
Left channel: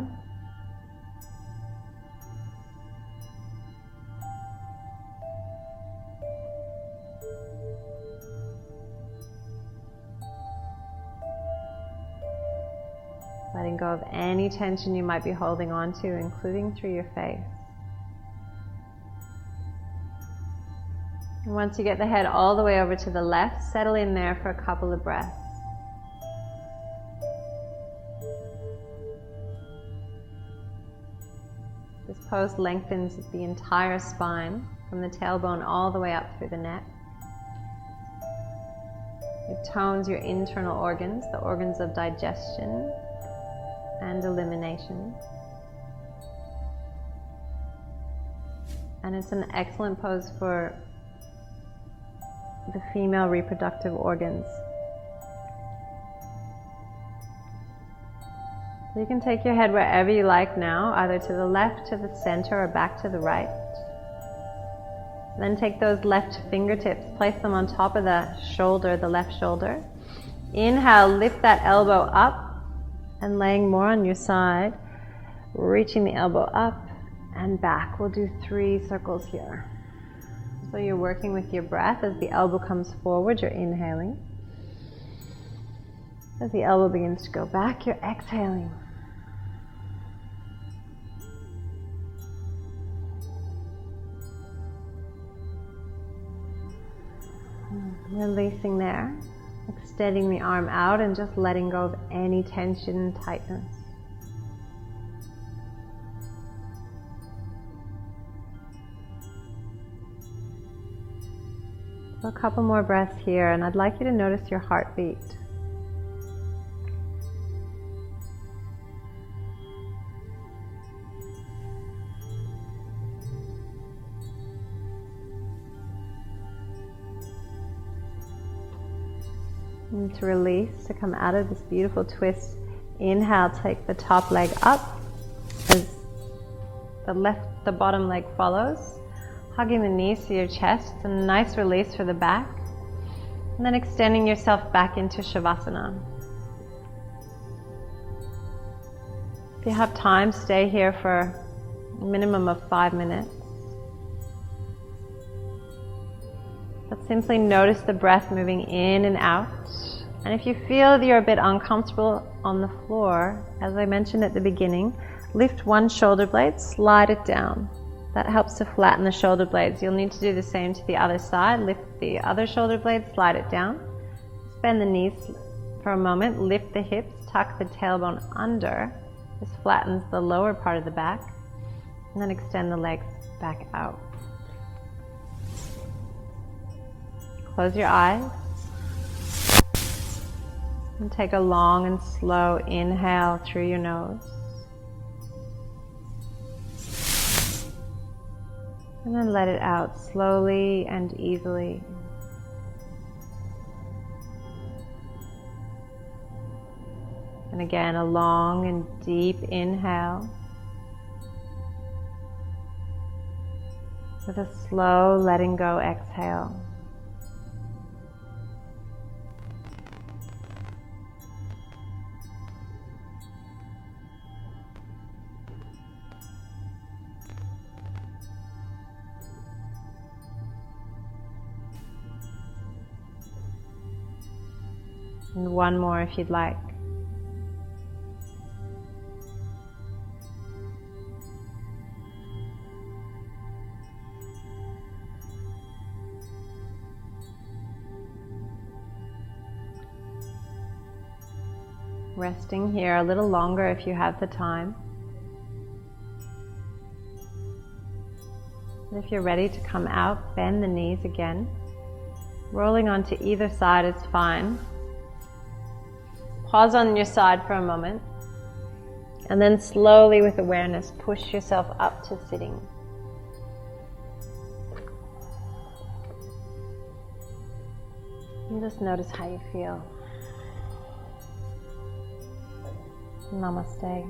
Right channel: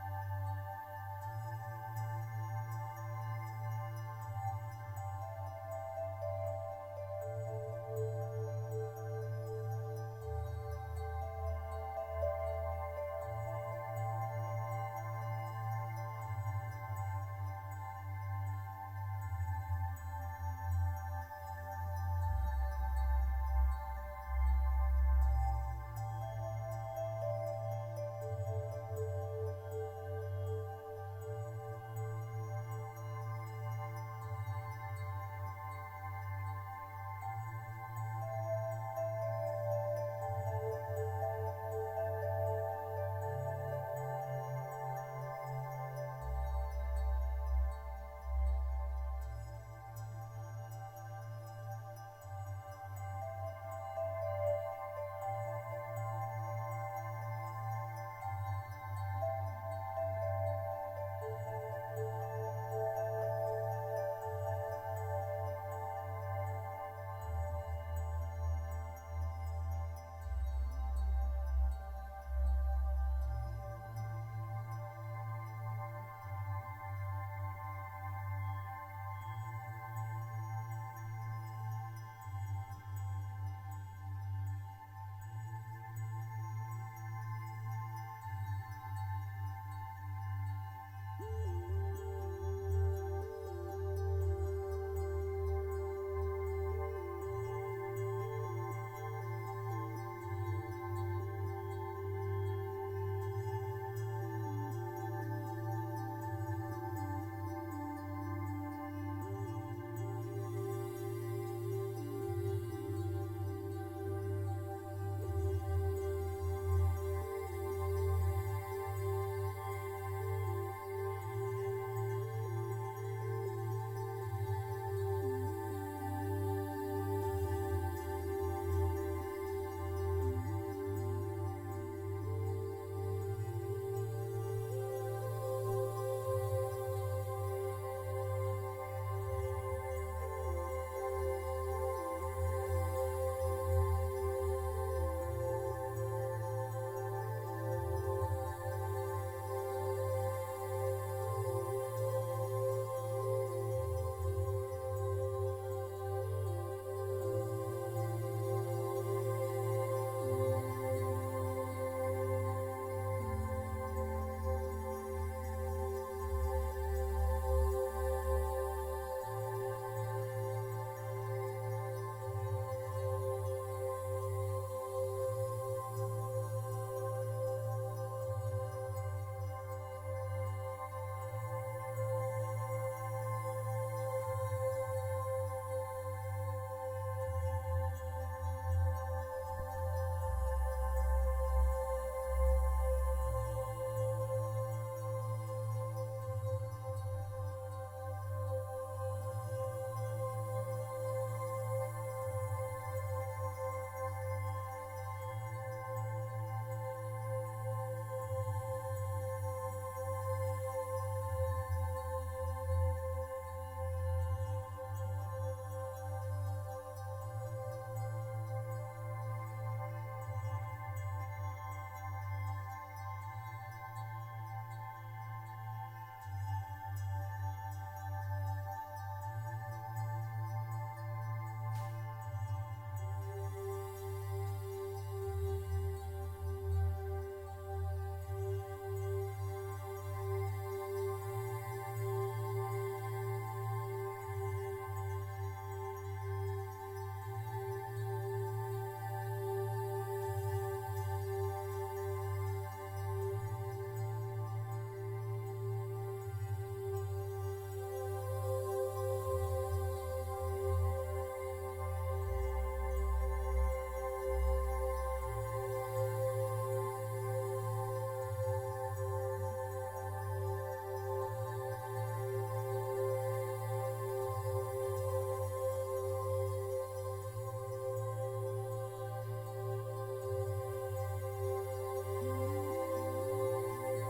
Letting go of any tension you might be holding on to, including through your face. And once you get the head all the way over to the left, settle in there for a couple of breaths. This pose lengthens the entire spine, from the tailbone all the way up through the neck. It tones your internal organs, the organs of digestion and elimination. And it's an excellent pose for the female reproductive organs. So you can take your head wherever you like now, either to the left, to the center, or back to the right. Then take those left fingertips, place them on top of the shoulder, the left shoulder. Inhale, lift that elbow up and laying more on your side, reaching the elbow up and back. We'll do 3 circles here. So you're working with your breath. As the elbow comes forward, you're inhaling. As the elbow begins to go back, you're exhaling. Releasing there. Extending the arm out and just letting go of any tension and tightness. So a couple more breaths here, and I'd like you to notice your heartbeat. And to release, to come out of this beautiful twist. Inhale, take the top leg up as the bottom leg follows. Hugging the knees to your chest. It's a nice release for the back. And then extending yourself back into Shavasana. If you have time, stay here for a minimum of 5 minutes. But simply notice the breath moving in and out. And if you feel that you're a bit uncomfortable on the floor, as I mentioned at the beginning, lift one shoulder blade, slide it down. That helps to flatten the shoulder blades. You'll need to do the same to the other side. Lift the other shoulder blade, slide it down. Bend the knees for a moment, lift the hips, tuck the tailbone under. This flattens the lower part of the back. And then extend the legs back out. Close your eyes. And take a long and slow inhale through your nose. And then let it out slowly and easily. And again, a long and deep inhale. With a slow letting go exhale. And one more if you'd like. Resting here a little longer if you have the time. And if you're ready to come out, bend the knees again. Rolling onto either side is fine. Pause on your side for a moment. And then slowly with awareness, push yourself up to sitting. And just notice how you feel. Namaste.